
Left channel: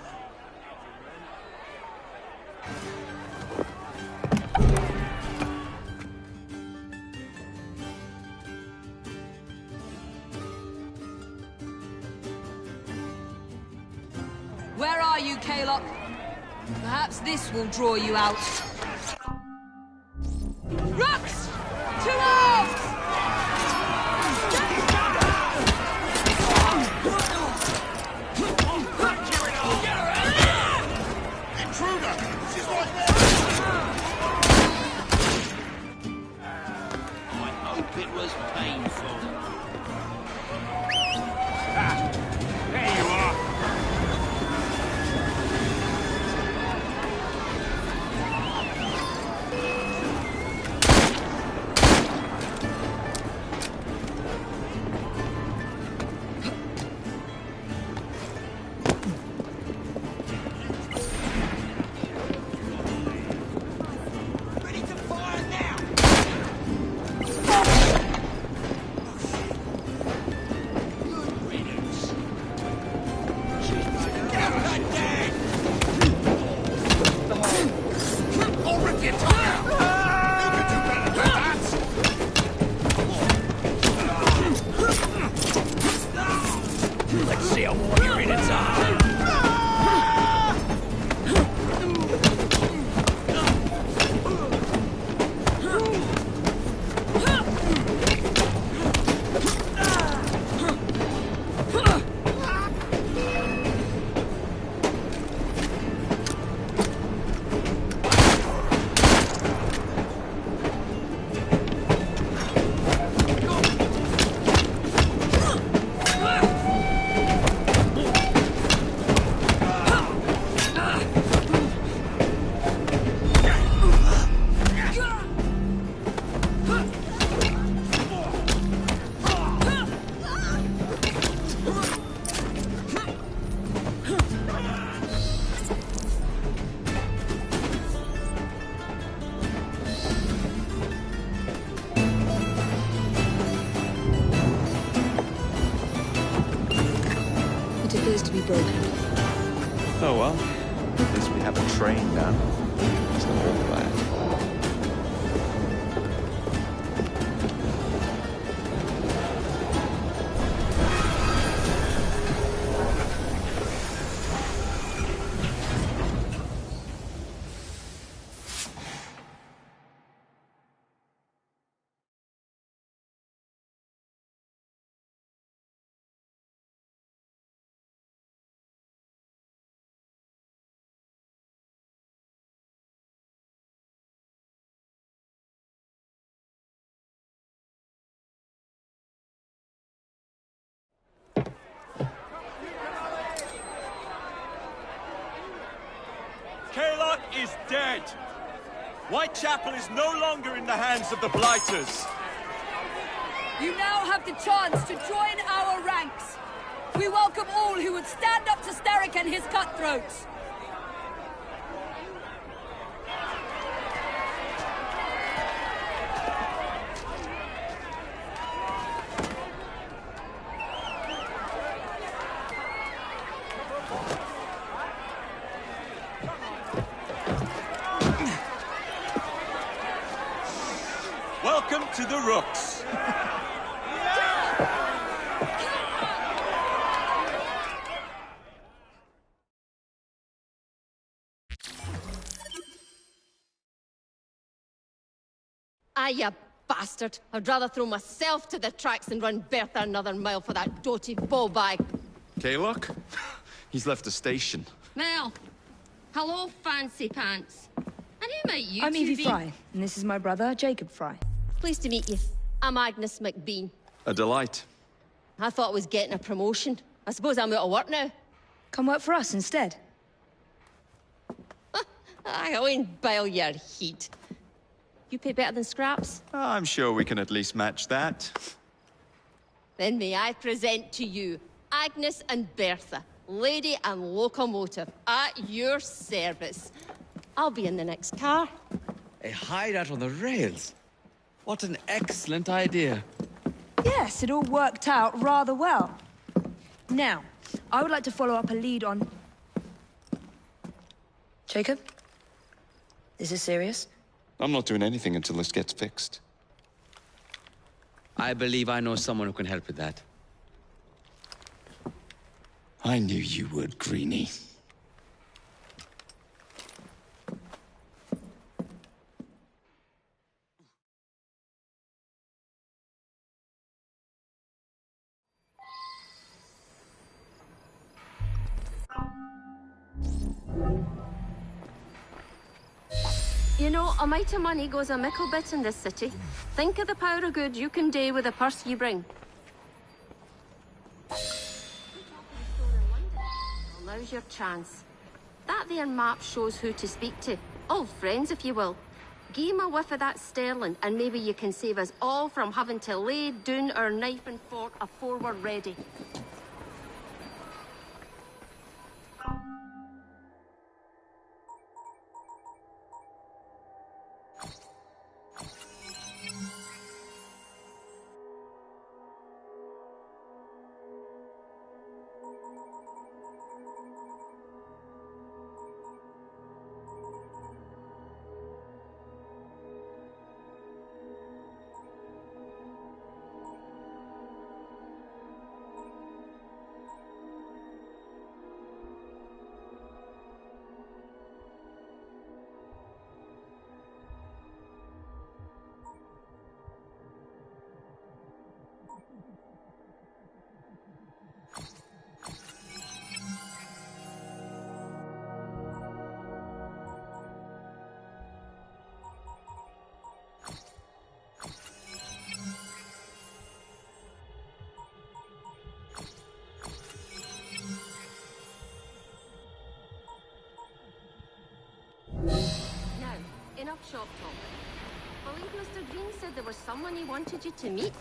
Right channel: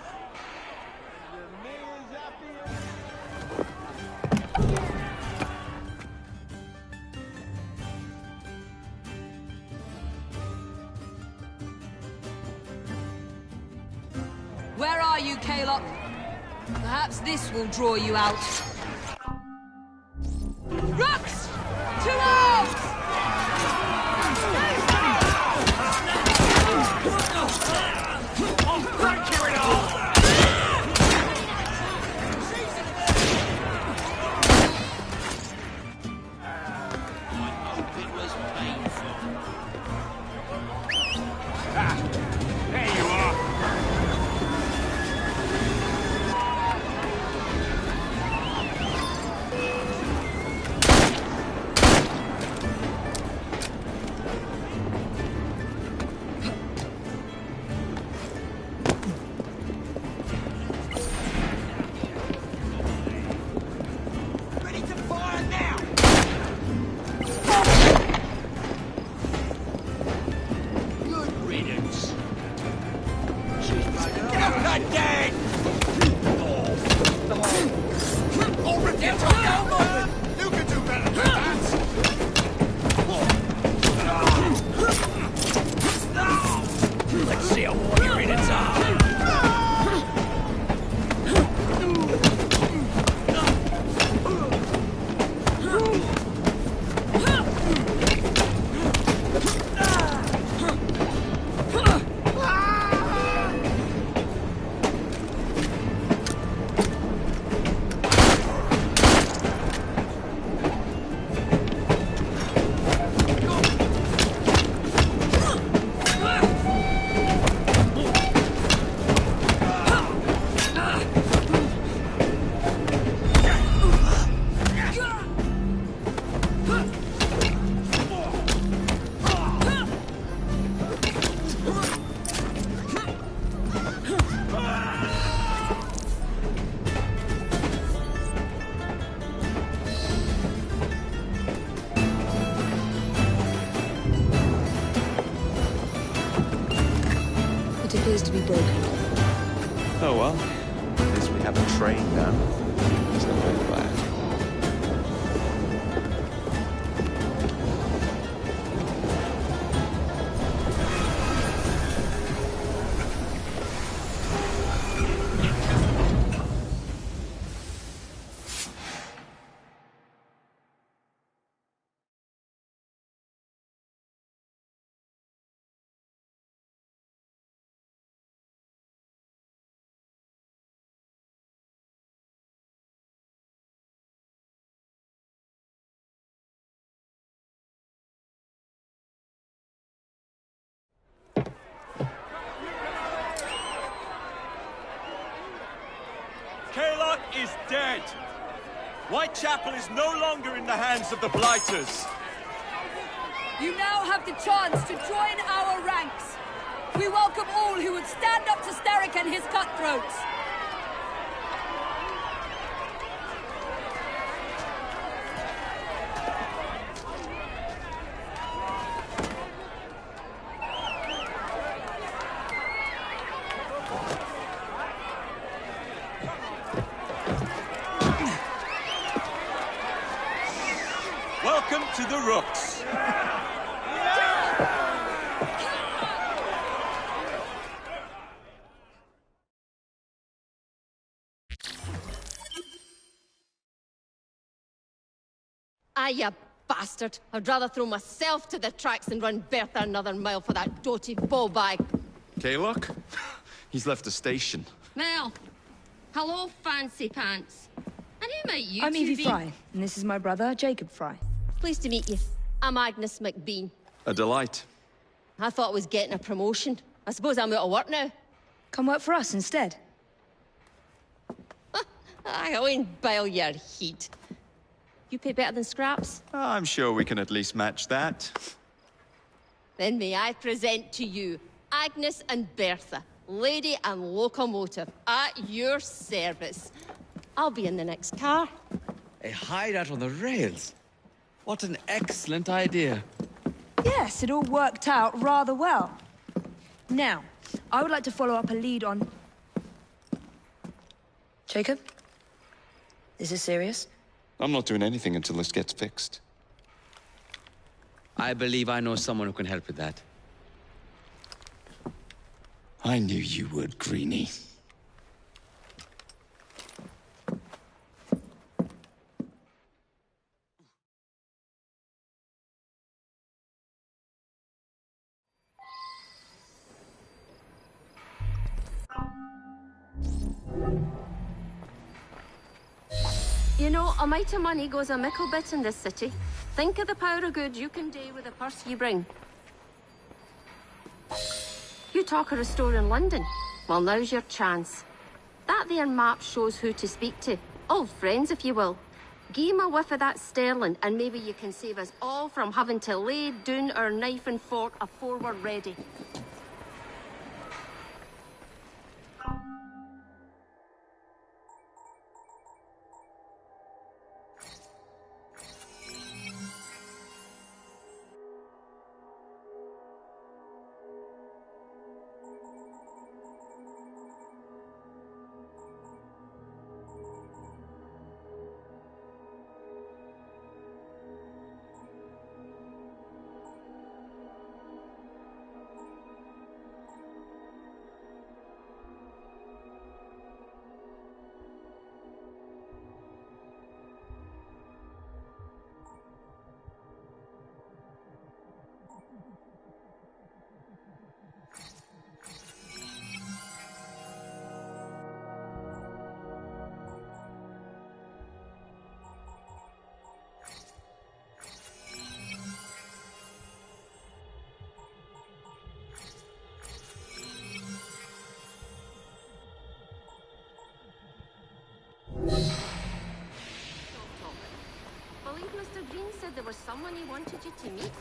Where are you, Kalok? Perhaps this will draw you out. Rooks! To arms! There you are. Ready to fire now! Good riddance. Get up that dead! I'll rip your tongue out! You can do better than that! Let's see how warrior in its arm! It appears to be broken. Oh well, at least we have a train now. So I'm all glad. Kalok is dead. Whitechapel is no longer in the hands of the Blighters. You now have the chance to join our ranks. We welcome all who would stand up to Starrick and his cutthroats. Welcome to the Rooks. Ah, you bastard. I'd rather throw myself to the tracks than run Bertha another mile for that doty ball-bag. Kalok? He's left the station. Well, hello, fancy pants. And who might you I'm two Evie be? Fry, and this is my brother, Jacob Fry. Pleased to meet you. I'm Agnes McBean. A delight. I thought I was getting a promotion. I suppose I'm out of work now. Come work for us instead. I won't bile your heat. You pay better than scraps? I'm sure we can at least match that. Then may I present to you Agnes and Bertha, lady and locomotive, at your service. I'll be in the next car. A hideout on the rails? What an excellent idea. Yes, it all worked out rather well. Now, I would like to follow up a lead on... Jacob? Is this serious? I'm not doing anything until this gets fixed. I believe I know someone who can help with that. I knew you would, Greenie. You know, a mite of money goes a mickle bit in this city. Think of the power of good you can do with the purse you bring. You talk of a store in London. Well, now's your chance. That there map shows who to speak to. Old friends, if you will. Give 'em a whiff of that sterling, and maybe you can save us all from having to lay down our knife and fork afore we're ready. Enough shop talk. Believe Mr. Green said there was someone he wanted you to meet.